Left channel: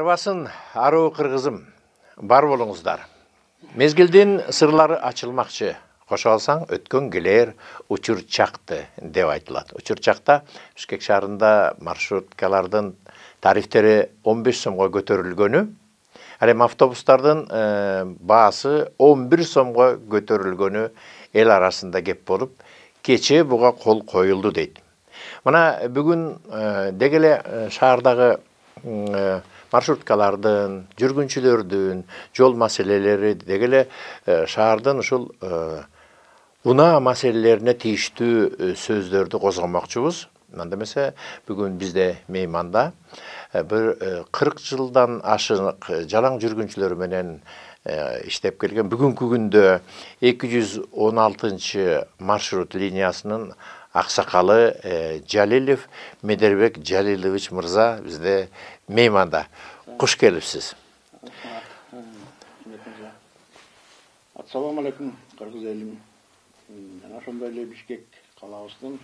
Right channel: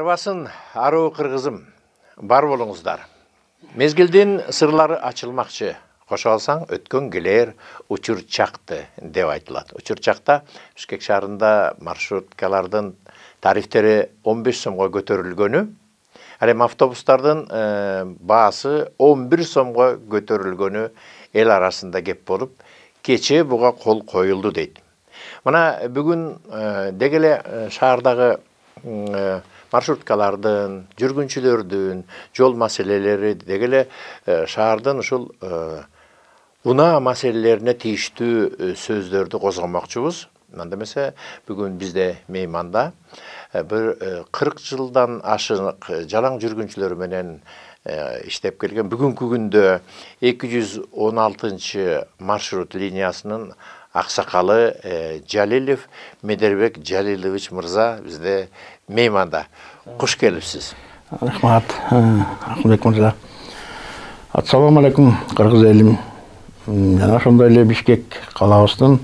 Арбасын аруу кыргызым, бар болуңуздар. Мезгилдин сырлары ачылмакчы. Кошо алсаң, өткөн келер учур чакты деп айтылат. Учур чакта Бишкек шаарында маршруткалардын тарифтери 15 сомго көтөрүлгөнү, ал эми автобустардын баасы 11 сомго көтөрүлгөнү эл арасында кеп болуп, кечээ буга кол коюлду дейт. Мына бүгүн дегеле шаардагы маршруткалардын, жүргүнчүлөрдүн жол маселелери дегеле шаардын ушул унаа маселелерине тийиштүү сөздөрдү козгомокчубуз. Анда эмесе бүгүн бизде мейманда бир 40 жылдан ашык жалаң жүргүнчүлөр менен иштеп келген бүгүнкү күндө 216 маршрут линиясынын аксакалы Жалилов Медербек Жалилович мырза бизде мейманда. Куш келипсиз. Рахмат, Ахмедбек мырза. Ассаламу алейкум, кыргыз элим. Жана ошондой эле Бишкек калабыздын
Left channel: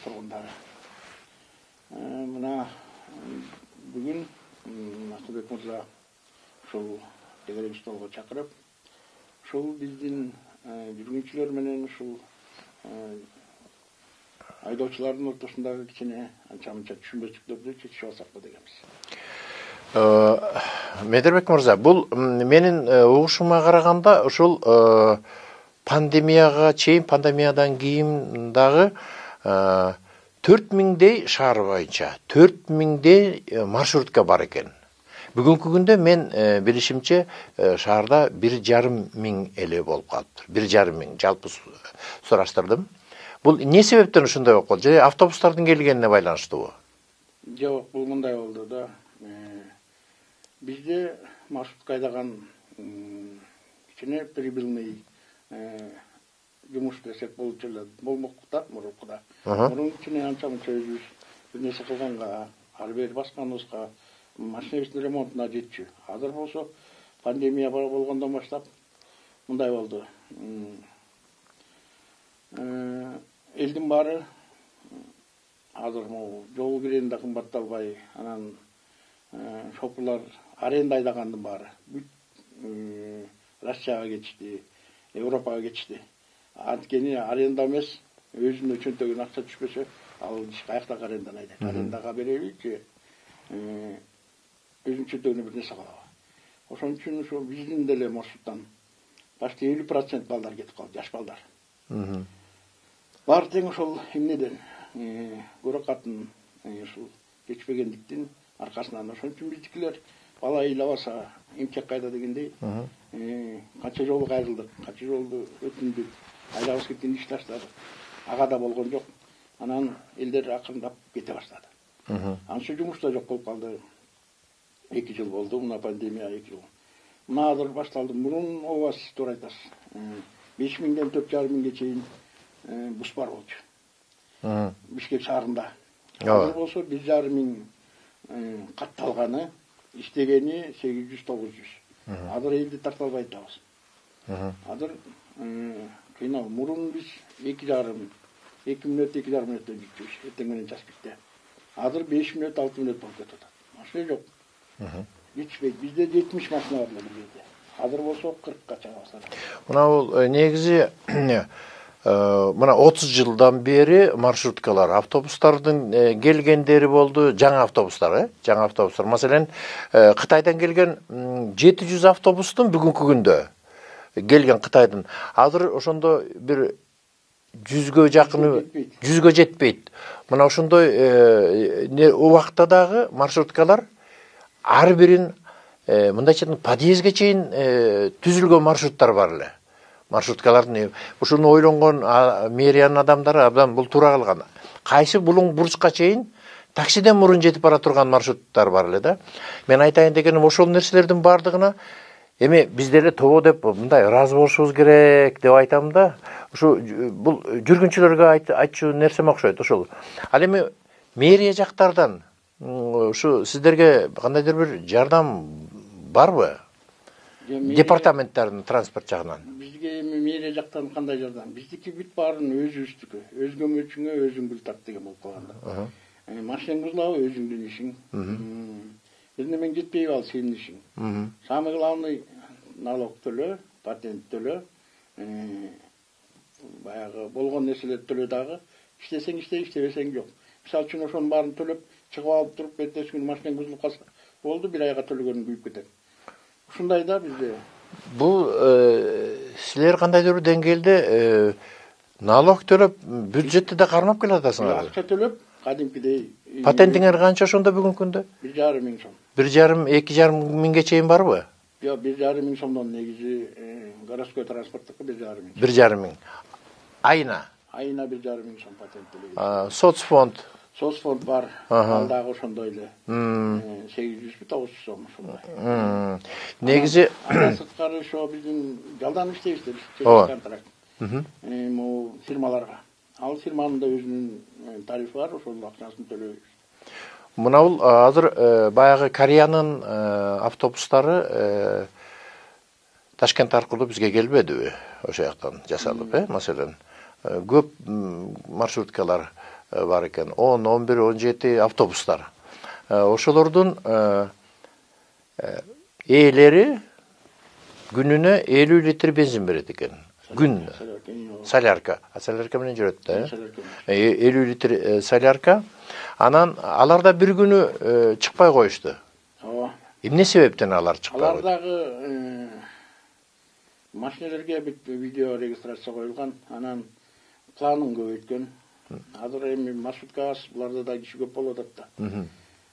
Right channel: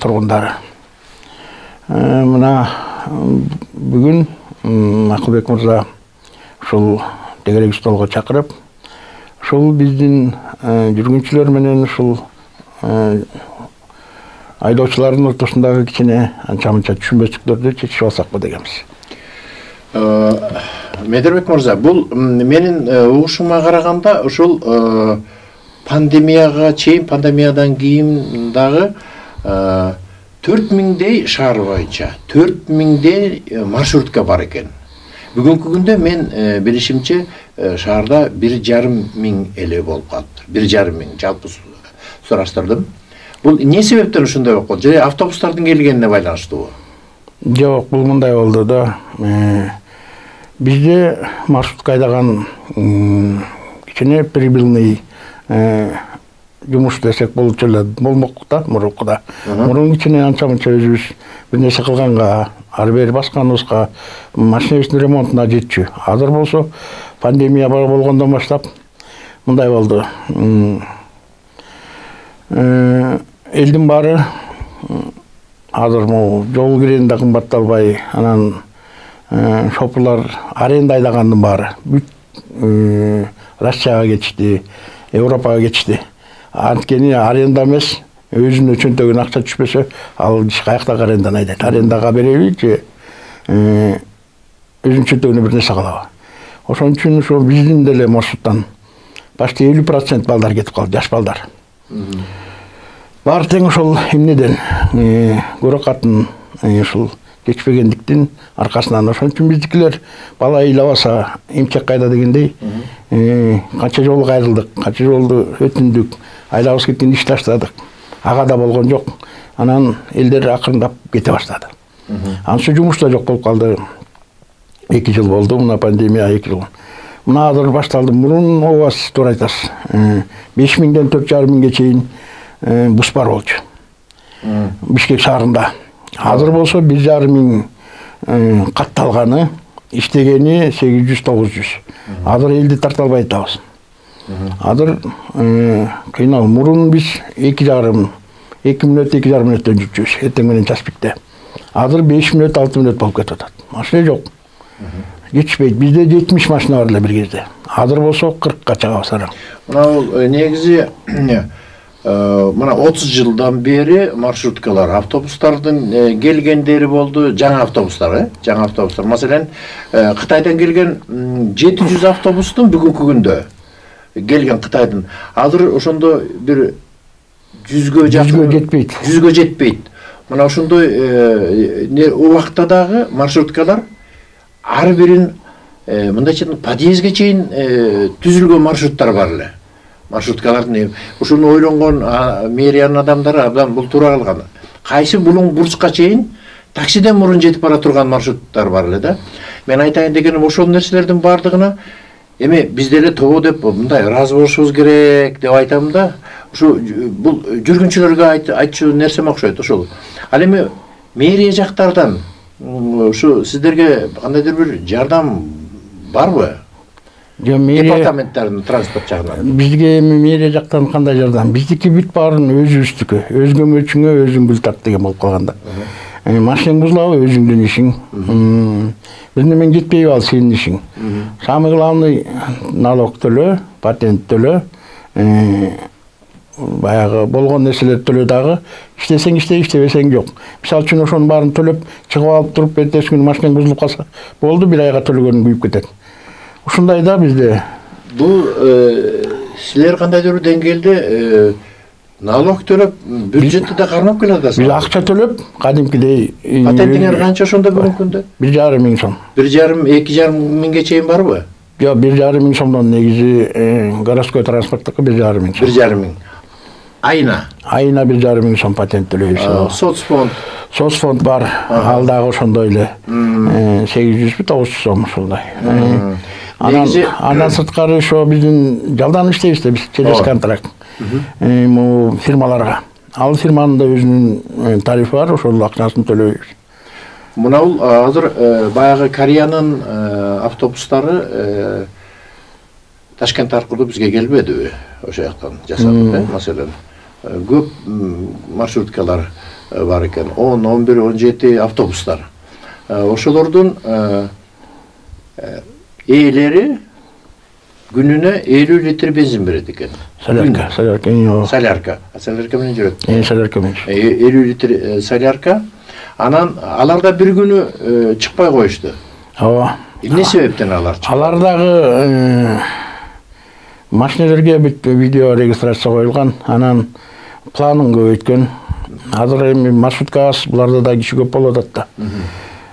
тургундары. Мына бүгүн Ахмедбек мырза ушул дегелек столго чакырып, ушул биздин жүргүнчүлөр менен ушул айдоочулардын ортосундагы кичине анча-мынча түшүнбөчүктөрдү чечип алсакпы дегенбиз. Медербек мырза, бул менин угушума караганда ушул пандемияга чейин, пандемиядан кийин дагы 4000дей шаар боюнча 4000дей маршрутка бар экен. Бүгүнкү күндө мен билишимче шаарда 1,5 эле болуп калыптыр. 1,5 жалпы сураштырдым. Бул эмне себептен ушундай болуп калды? Же автобустардын келгенине байланыштуубу? Жок, бул мындай болду да. Бизде маршрутка айдаган кичине прибыльный жумуш десек болчу эле болмок да, мурункуда. Мурун кичине анча-мынча өзүбүз бир нерсе кылганга, ары бери басканыбызга машинабыздын ремонтуна жетчү. Азыр болсо пандемия болгондон баштап мындай болду. Элдин баары азыр жол кирени да кымбатталбай, анан шопурлар аренда айдагандын баары бүт Россияга кетишти, Европага кетишти. Анткени аренда эмес, өзүнүн чөнтөгүнө акча түшпөсө, ал каякта арендан айдайт. Арендага береби же өзүнүн чөнтөгүнө бир нерсе калабы. Ошон үчүн ошо биздин деле маршруттан почти 50% балдар кетип калды, жаш балдар. Баары тең ошол эмнеден көрөкатын ушул кечпегендиктин аркасынан. Ошон үчүн биздикилер бала ыйлабаса эмчек кайда дегендей канча жолу кайрылдык, канча жолду өтүндүк, айлабыз кеткен иш таштадык. Ага да болгон жок. Анан элдер акырындап кете баштады. Анча жумуш да жок болуп калды. 2 жыл болду, мына пандемия 2 жыл. Мына азыр башталды. Мурун обасы туура айтасыз. 5000ден 4,5 чейин бус бар болчу. Бишкек шаарында. Азыр болсо 1,5 катталганы, иштегени 800-900. Азыр элди тарта албай атабыз. Азыр кыйнал. Мурун биз 2,5 мүнөт, 2,5 мүнөттөн жүрчүбүз. Эртең менен час битте. Азыр 5 мүнөт, 6 мүнөт болуп кетип атат. Машина жок. Жетишпейт. Бизде 70 машина бар эле бир кезде. Азыр болсо 40ка чыгабыз ара. Мына бул негизи мына 30 жылдан бери маршруткалар, автобустардын келгендери болду, жаңы автобустар, жаңы автобустар. Маселен, Кытайдан келген 700 автобустун бүгүнкү күндө келген Кытайдын. Азыр ошондо бир 100гө жакын жетпейт. 100гө жетпейт. Мына ошондой убакта дагы маршруткалар ар бирин мындайча подъездге чейин түзүлгөн маршруттар бар эле. Маршруткалардын ушуну ойлонгон мэриянын адамдары абдан бул туура кылган. Кайсы булуң бурчка чейин таксиден мурун жетип бара турган маршруттар бар эле да. Мен айтайын дегеним ошол нерселердин бардыгына эми биз деле тобо деп мындай ыраазы болушубуз керек деп айтам да. Ушу бул жүргүнчүлөргө айтчу нерсем окшойт ошол. Ал эми мэрия жактардан ушу сиздерге кандайдыр бир жардам барбы? Департаменттардын транспорт жагынан. Бизге мэрия жактан кандай жардам? Биздики бүт баарын өзүбүздүкү, өз көмөчүңө өзүң гүл тарт деген болуп калганда. Машинаң бузулабы өзүңдүн ишиң. Биринде мен жетпейби ал сенин ишиң. Самый главный налог төлөө, патент төлөө. Баягы болгон нерселер төлөө дагы иштесең иште, иштебесең жок. Мисалы үчүн ошонун баарын төлөп, чыгып алып туруп, эртеси күнү машинаң бузулуп калса, болду, бир айга төлөгөнүң күйүп кетет. Ушундай да бизде. Бул силер кандайдыр бир деңгээлде налог төлөп, бюджетти да кармап келатасыз. Биз акча төлөп, кадимкидей. Патентиңер канча ошондо бүгүнкү күндө? 1,5 миң сом. 1,5-2,5 миңге чейин барбы? Жок, 1,5 миң сомдон негизи городской транспорттука 1,5 миң сом. 1,5 миң. Айына? Айына 1,5 миң сом патент төлөйбүз. Соцфонд? Соцфонд бар, ал дагы ошондой эле 800-900 сом ушундай. Негизи андан сырткары ошо биздин жалдан иштейбиз да, биз через контракт. Фирмаларга. Ал фирманын да өзүнүн тарифи бар, ошол акчасын төлөйбүз. Мына бул азыр баягы Кореянын автобустары Ташкент аркылуу бизге келбедиби? Ошо жактан жасалып, маселен. Көп маршруткалар бар экен. 10, 11, 17 автобустар. Ошолордун ээлери күнүнө 50 литр бензин берет экен. Солярка. Солярка. Солярка менен жүрөт. Солярка менен. 50 литр солярка. Анан алар да бир күнү чыкпай коюшту. Ооба. Эмне себептен алар чыкпады? Алар дагы машинелерге бүт видео регистрация коюлган, анан планын көбөйткөн. Азыр эми маршруткабыз буларда да киши көп болуп атат да.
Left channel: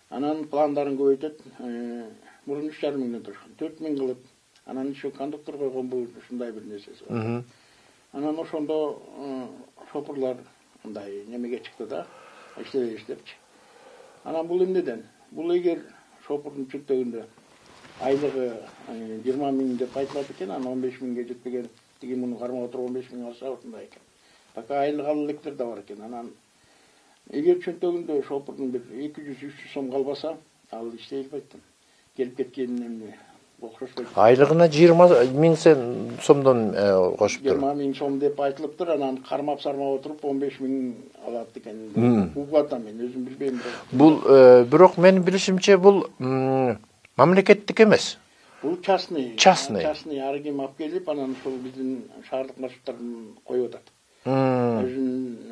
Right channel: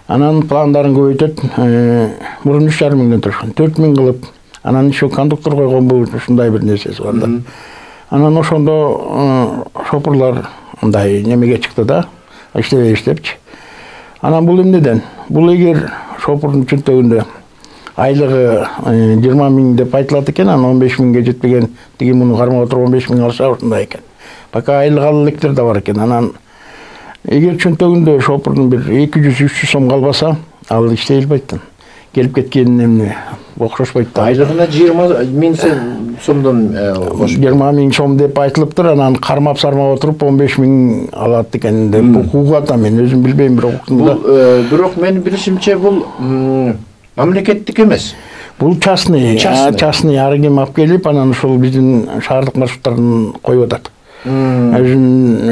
Анан пландарын көбөйтөт. Мурун 3,5 миңден турушкан, 4 миң кылып, анан еще кондуктор койгонбу, ушундай бир нерсеси бар да. Анан ошондо шопурлар мындай немеге чыкты да, иштепчи. Анан бул эмнеден? Бул эгер шопурдун чөнтөгүндө айлыгы 20 миң деп айтылат экен, анан 15 миңге жетпеген, тиги муну кармап отуруп 15 миң алса ушундай экен. Пока айлык ал электер да бар экен. Анан эгер чөнтөгүндө шопурдун бир 200-300 сом калбаса, ал иштей албайт. Келип кеткен эмне окшошпойт да. Айлыгына 20 миң сомдон 20 миң сом деп айтылыптыр, анан кармап-сармап отуруп 15 миң алат экен деп угат, мен өзүм билбейм, бирок бул бирок менин билишимче бул мамлекеттик эмес. Бул частный ар ким алып келип, анан ушул биздин шаардык маршруттарын коюп атат. Өзүн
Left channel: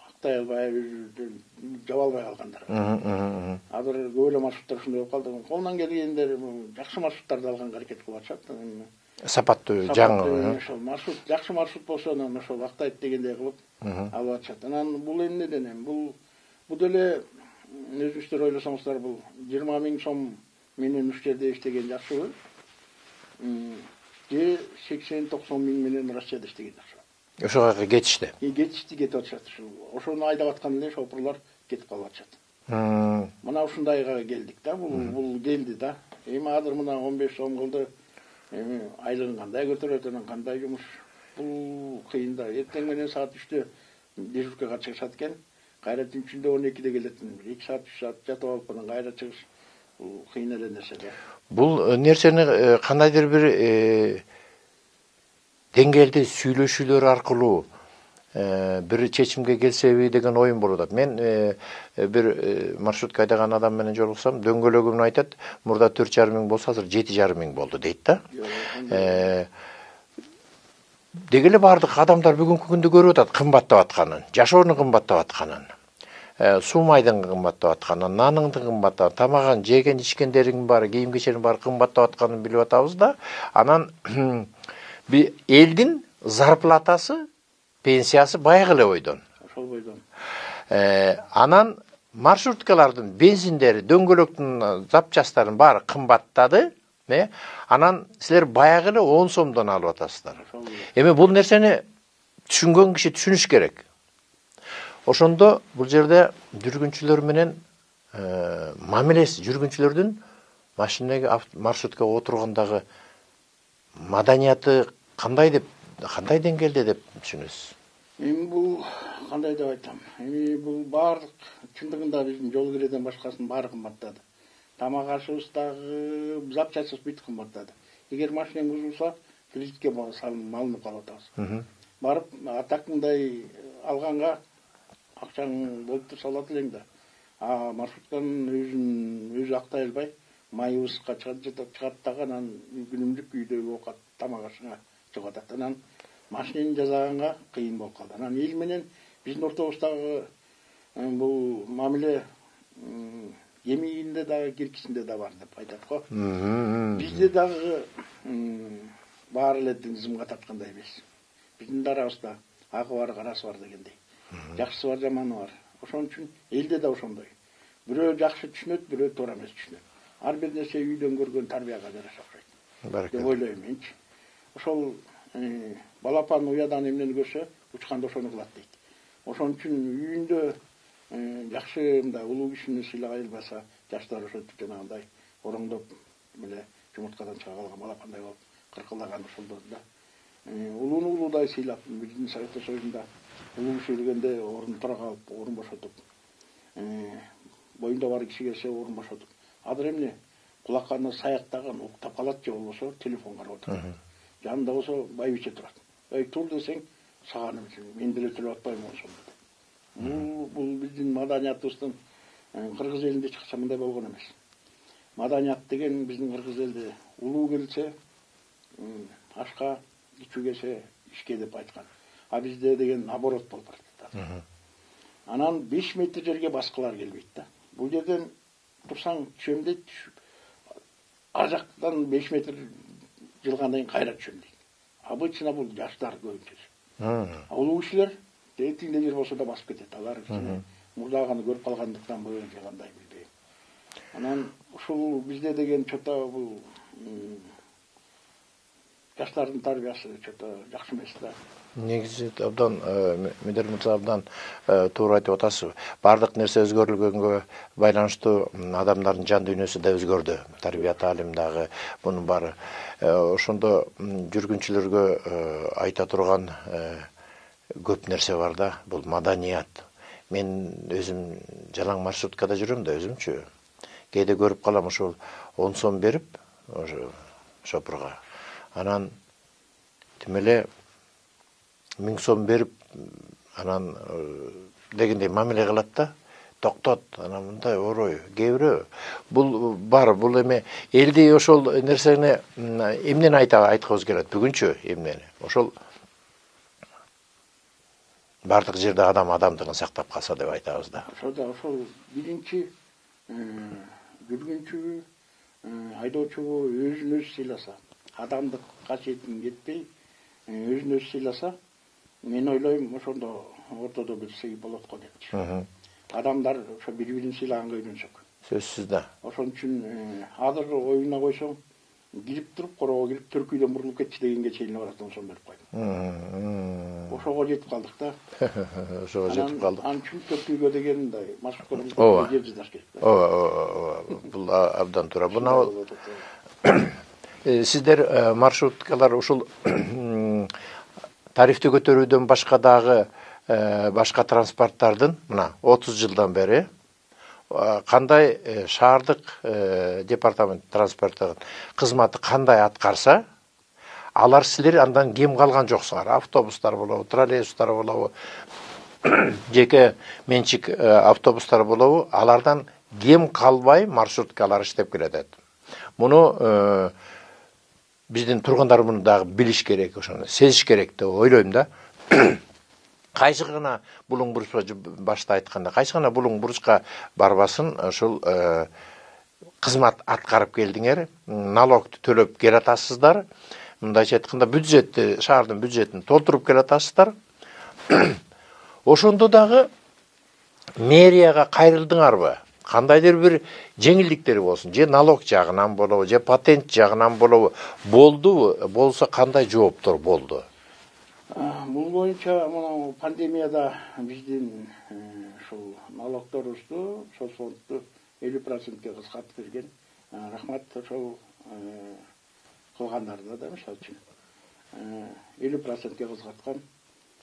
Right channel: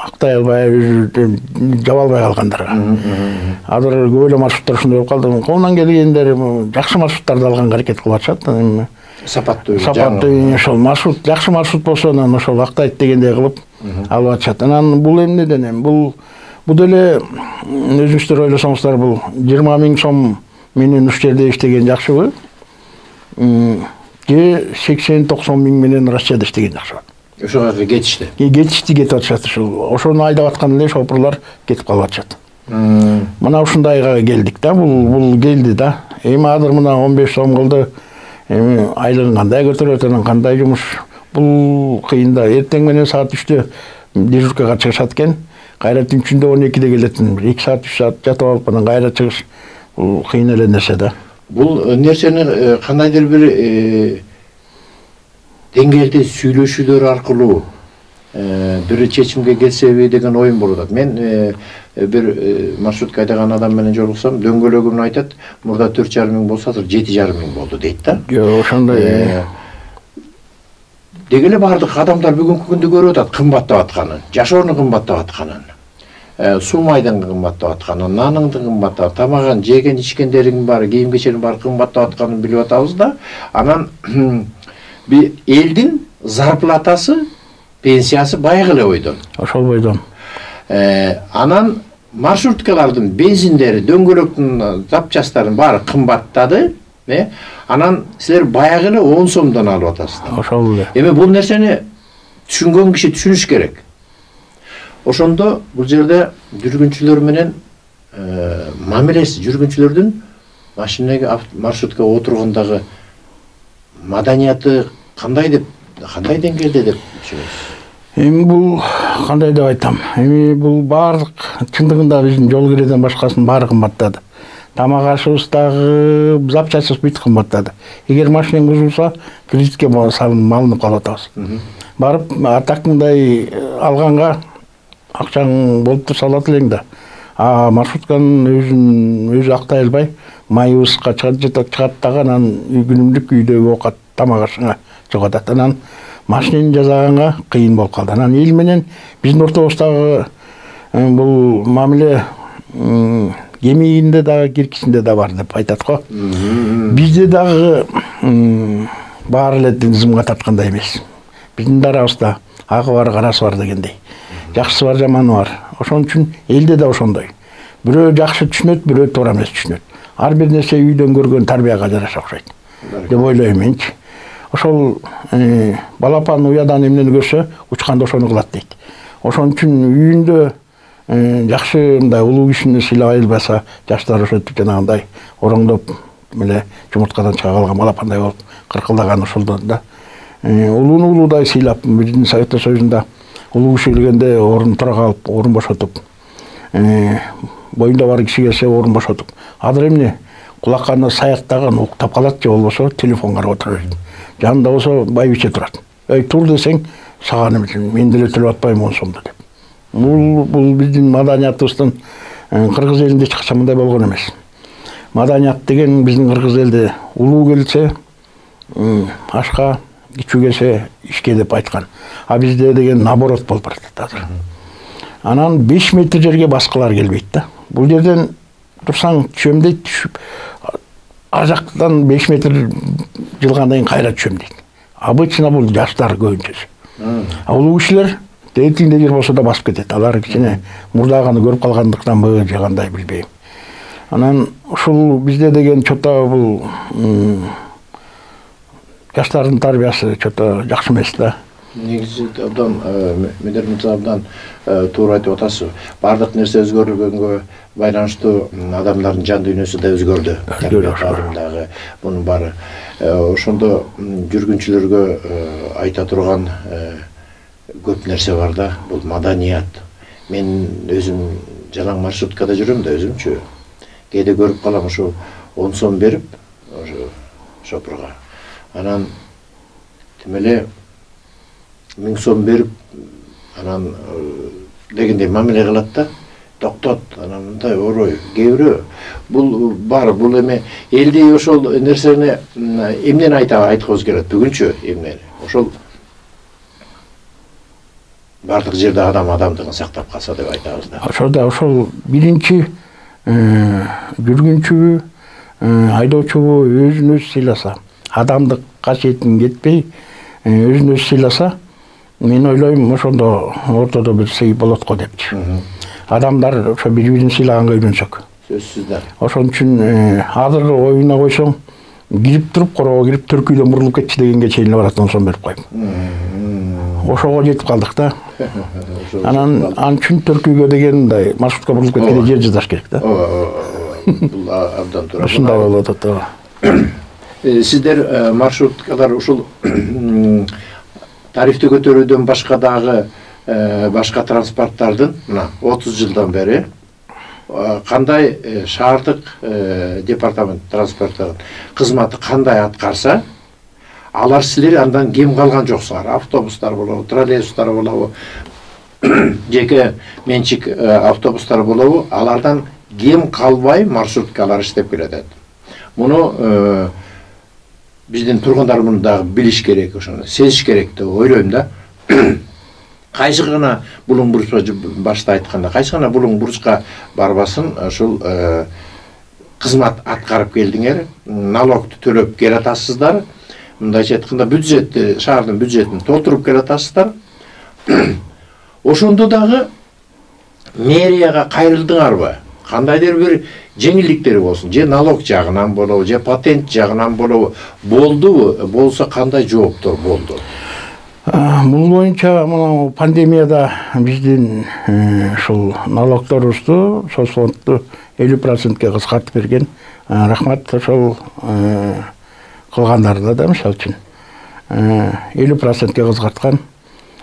актай албай, өзү жаба албай калгандарга. Азыр көп эле маршруттар ушундай болуп калды. Колунан келгендер жакшы маршруттарды алганга аракет кылып атышат. Сапаттуу, жаңы. Ошол маршрут, жакшы маршрут болсо, анан ошол актайт дегендей кылып алып атышат. Анан бул эмнеден бул деле өзүңүздөр ойлосоңуздар, бул 20 миң сом менен уш жерде иштеген жакшыбы? Же 80-90 миң менен Россияда иштеген жакшыбы? Ошого кетишти. Кетишти, кетип атышат ушул. Ошону айдап аткан эле шопурлар кетип калып атышат. Мына ушундайга келдик да, бул келди да. Эми азыр мына 15 сом кылды. Эми айлыгын кандай көтөрөт, анан кандай жумуш? Бул кыйын да. Эртең менен саат 3-тө дежуркага чыгышат экен. Кайра түнчүндө 12-де келетин. 2 саат, 3 саат жатып алып, анан кайра чыгыш. Бул кыйын эле нерсе да. Бул нерсени кандайдыр бир деңгээлде сүйлөшүүлөр аркылуу бир чечимге келсеби деген оюм болуп атат. Мен бир маршрутка айдаган адам менен жолуксам, дөңгөлөгүн айтат, мурда 4,5 миң болсо, азыр 7,5 миң болду дейт да. Жок, ошондой. Деги эле бардык адамдар бүгүнкү күндө көрүп атат кымбаттап атканын, жашоонун кымбаттап атканын, суу майдын кымбаттап атканын, нанын кымбаттап, тамагын, жеген ичкендердин баары, кийим кеченин баары кымбаттап атканын билип атабыз да. Анан элдин зарплатасы, пенсиясы байыгы эле бойдон. Ошол бойдон. Анан маршруткалардын бензиндери, дөңгөлөктүн запчастарын баары кымбаттады. Анан силер баягы эле 10 сомдон алып атасыздар. Ошол эле. Эми бул нерсени түшүнгөн киши түшүнүш керек. Ошондо бул жерде жүргүнчүлөр менен мамилеси, жүргүнчүлөрдүн машинага, маршруткага отургондагы маданияты кандай деңгээлде деп түшүнөсүз? Эми бул кандай деп айтам? Эми бул баардык чындыгында биздин жол киреден башкасынын баары кымбаттады. Тамак ашыбыз дагы, запчастыбыз бүт кымбаттады. Эгер машинең бузулса, кредитке салынып, малынып калып атабыз. Барып атак мындай алганга акчаң болуп турса алат элең да. А маршрутканын өзү актай албай, майыбызга чыгат дагы анан күнүмдүк үйдөгү оокат тамак ашыңа жоготат. Анан машинени жасаганга кыйын болуп калды. Анан эл менен биздин ортобуздагы бул мамиле кемигинде дагы киркисинде да бар деп айтат го. Бизде дагы баары эле тизимге тарткандай эмес. Биздин дарабызда агы бар, карасы бар дегендей. Жакшысы бар, жаманы бар. Ошон үчүн элде да ошондой. Бирөө жакшы түшүнөт, бирөө туура эмес түшүнөт. Ар бир нерсе үйдөн көргөн тарбияга жараша окшойт деп ойлойм менчи. Ошол балапан уядан эмнени көрсө, учканда ошону кылат дейт. Ошон үчүн үйүндө жакшы мындай улуу кишини сыйлабай албаса, жаштар ошентип жанагындай ороңдоп эле жумурткадан чыга калган балапандай болуп кыркылдаган ошолдон да. Улууну улуудай сыйлап, биздин Советтер Союзунда улуу киши келгенде орун тура калып, орун бошотуп, боюнда бар киши келсе орун бошотуп. Азыр эмне кулакканы саяктаган уктап калат же болбосо телефон карап отурат. Жанында болсо байбиче турат. Эй, тур десең, сага неме, мен деле төлөп атпайм 10 сомду деп. Бул биздин маданиятыбыздын кыргыз элинде эч качан мындай болгон эмес. Маданият деген биздин кыргыз элде улуу келсе ашка, кичүү келсе ишке деп айткан. А бизде деген наоборот болуп баратат азыр. Анан 5 метр жерге башкалар келбейт да. Бул жерден турсаң түшөм дейт, түшүп ажактан 5 метр жылгандан кийин кайра түшөм дейт. Обычно бул жаштар көбүнчөсү. А улуу кишилер тетигинде жер болсо да басып кетет. Алар кичине мурдаганы көрүп калгандыктанбы же кандай билбейм. Анан ушул бизде деген чото бул жаштардын тарбиясы чото жакшы эмес да. Негизи абдан Медермин абдан туура айтып атасыз. Бардык нерсе өзгөрүлгөнгө байланыштуу адамдардын жан дүйнөсү да өзгөрдү. Тарбия мунун баары. Ошондо жүргүнчүлөргө айта турган көп нерсе бар да. Бул маданият. Мен өзүм жалаң маршруткада жүрөм да өзүмчү. Кээде көрүп калам ушу 10 сом берип ошо шопурга. Анан тимеле 1000 сом берип анан дегендей мамиле кылат да. Токтот, анан мындай орой, кээ бирөө бул бар, бул эме элди ошол нерсени эмнени айткыбыз келет бүгүнчү эмнени. Ошол бардык жерде адам адамдыгын сактап калса деп айтабыз да. Ошол биринчи жүргүнчү, айдоочу өзүн өзү сыйласа, адамдык касиетин кетпей, өзүн өзү сыйласа, мен ойлойм ошондо ортодо бир сый болот го депчи. Адамдар ошо бири-бирин сыйлаганга үйрөнсөк. Сөзсүз да. Ошон үчүн азыр оюна койсоң, кирип туруп, короо кирип төркүйдөн мурулуп кетчи дегенге чейин барат 10 сом берип коюп. Ошого жетип калдык да. Анан үчүн төркүйгө деген мындай маршрутка мурулуп кеткенде жер жазаш керек да. Бул абдан туура. Ушундай болуп атат. Сиздер маршруткалар ушул тарифти көтөрүүдөн башка дагы башка транспорттардын мына 30 жылдан бери кандай шаардык департамент транспорттардын кызматы кандай аткарса, алар силер андан кем калган жоксуңар. Автобустар болобу, троллейбустар болобу, жеке менчик автобустар болобу, алардан кем калбай маршруткалар иштеп келатат. Муну биздин тургундар муну дагы билиш керек, ошону сезиш керек деп ойлойм да. Кайсы гана булуң буручка башта айтканда, кайсы гана булуң буручка барбасын, ушул кызмат аткарып келдиңер, налогду төлөп келатасыздар. Мындайча айтканда бюджетти, шаардын бюджетин толтуруп келатасыздар. Ошондо дагы мэрияга кайрылдыңарбы? Кандайдыр бир жеңилдиктери болсун, же налог жагынан болобу, же патент жагынан болобу, болдубу? Болсо кандай жооптор болду? Бул боюнча мына пандемияда биздин ушул налогторубузду соцфондду 50%ке кыскартып берген. Рахмат ошол кылгандарына да, мисалы үчүн 50%ке кыскарткан.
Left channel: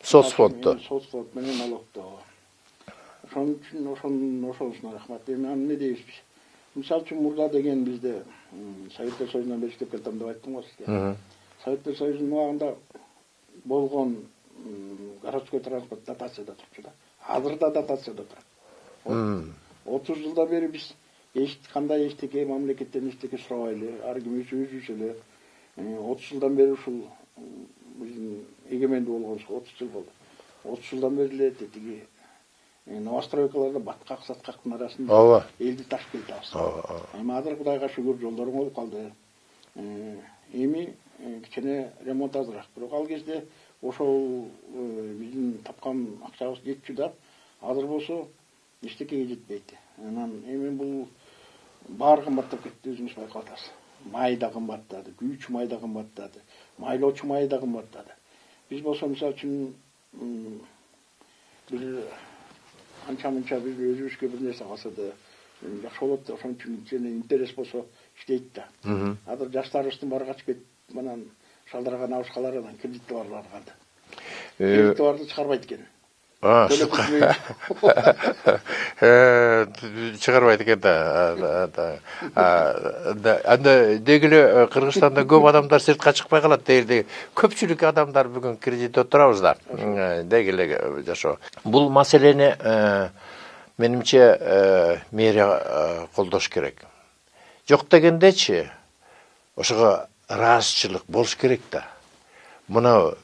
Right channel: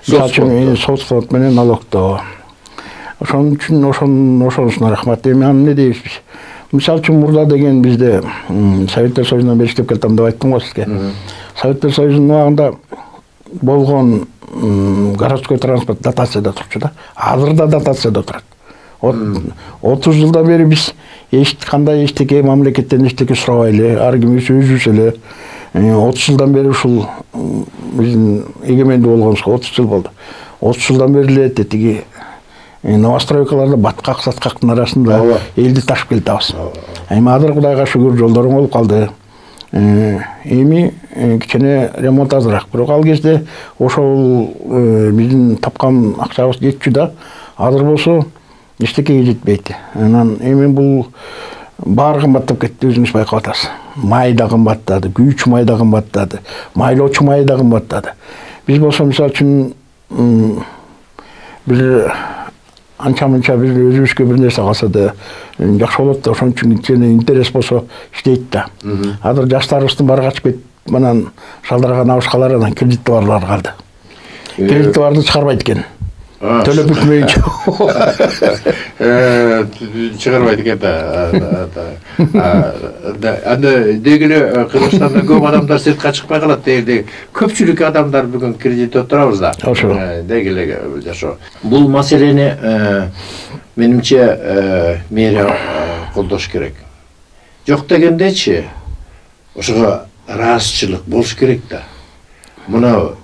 Соцфонд менен налогто. Ошон үчүн ошонусуна рахмат. Эми эмне дейбиз биз? Мисалы үчүн мурда деген бизде Советтер Союзунан бери иштеп келатам деп айттым го сизге. Советтер Союзунун убагында болгон городской транспорт дотацияда турчу да. Азыр да дотацияда турат. 30 жылдан бери биз кандай эчтеке мамлекеттен эчтеке сурабай эле, ар кимибиз өзүбүз эле 30 жылдан бери ушул биздин эгемендүү болгонубузга 30 жыл болду. 30 жылдан бери эле тиги новостройкаларда баткак саткактын арасында элди ташып келатабыз. Эми азыр Кудайга шүгүр жолдору болуп калды. Эми кичине ремонт азыраак. Бирок ал кезде ошол биздин тапкан акчабыз жетчү да. Азыр болсо эчтекеге жетпейт. Анан эми бул баары кымбаттап кетти, өзүңүз байкап атасыз. Май да кымбаттады, күйүүчү май да кымбаттады, майлоочу май да кымбаттады. Биз болсо мисалы үчүн бир анча-мынча бир өзүбүзгө бир нерсе калса да жакшы болот да, ошон үчүн кичине интерес болсо иштейт да. Азыр жаштарыбыздын баары качып кетип, манан шалдыраган абышкалар анан кредити барлар калды. Кредити барды чыгарбайт экен. Төлөп бүтмөйчү. Чыгарбайт экен да. Анда дегеле Кыргызстанда көп адамдар сыртка чыкпай калат дегеле. Көпчүлүк адамдар бүгүн кредитте отурабыз да. Дегеле жашоо. Бул маселени менимче мэрия колдош керек. Жок дегендечи ошого ыраазычылык болуш керек да. Муну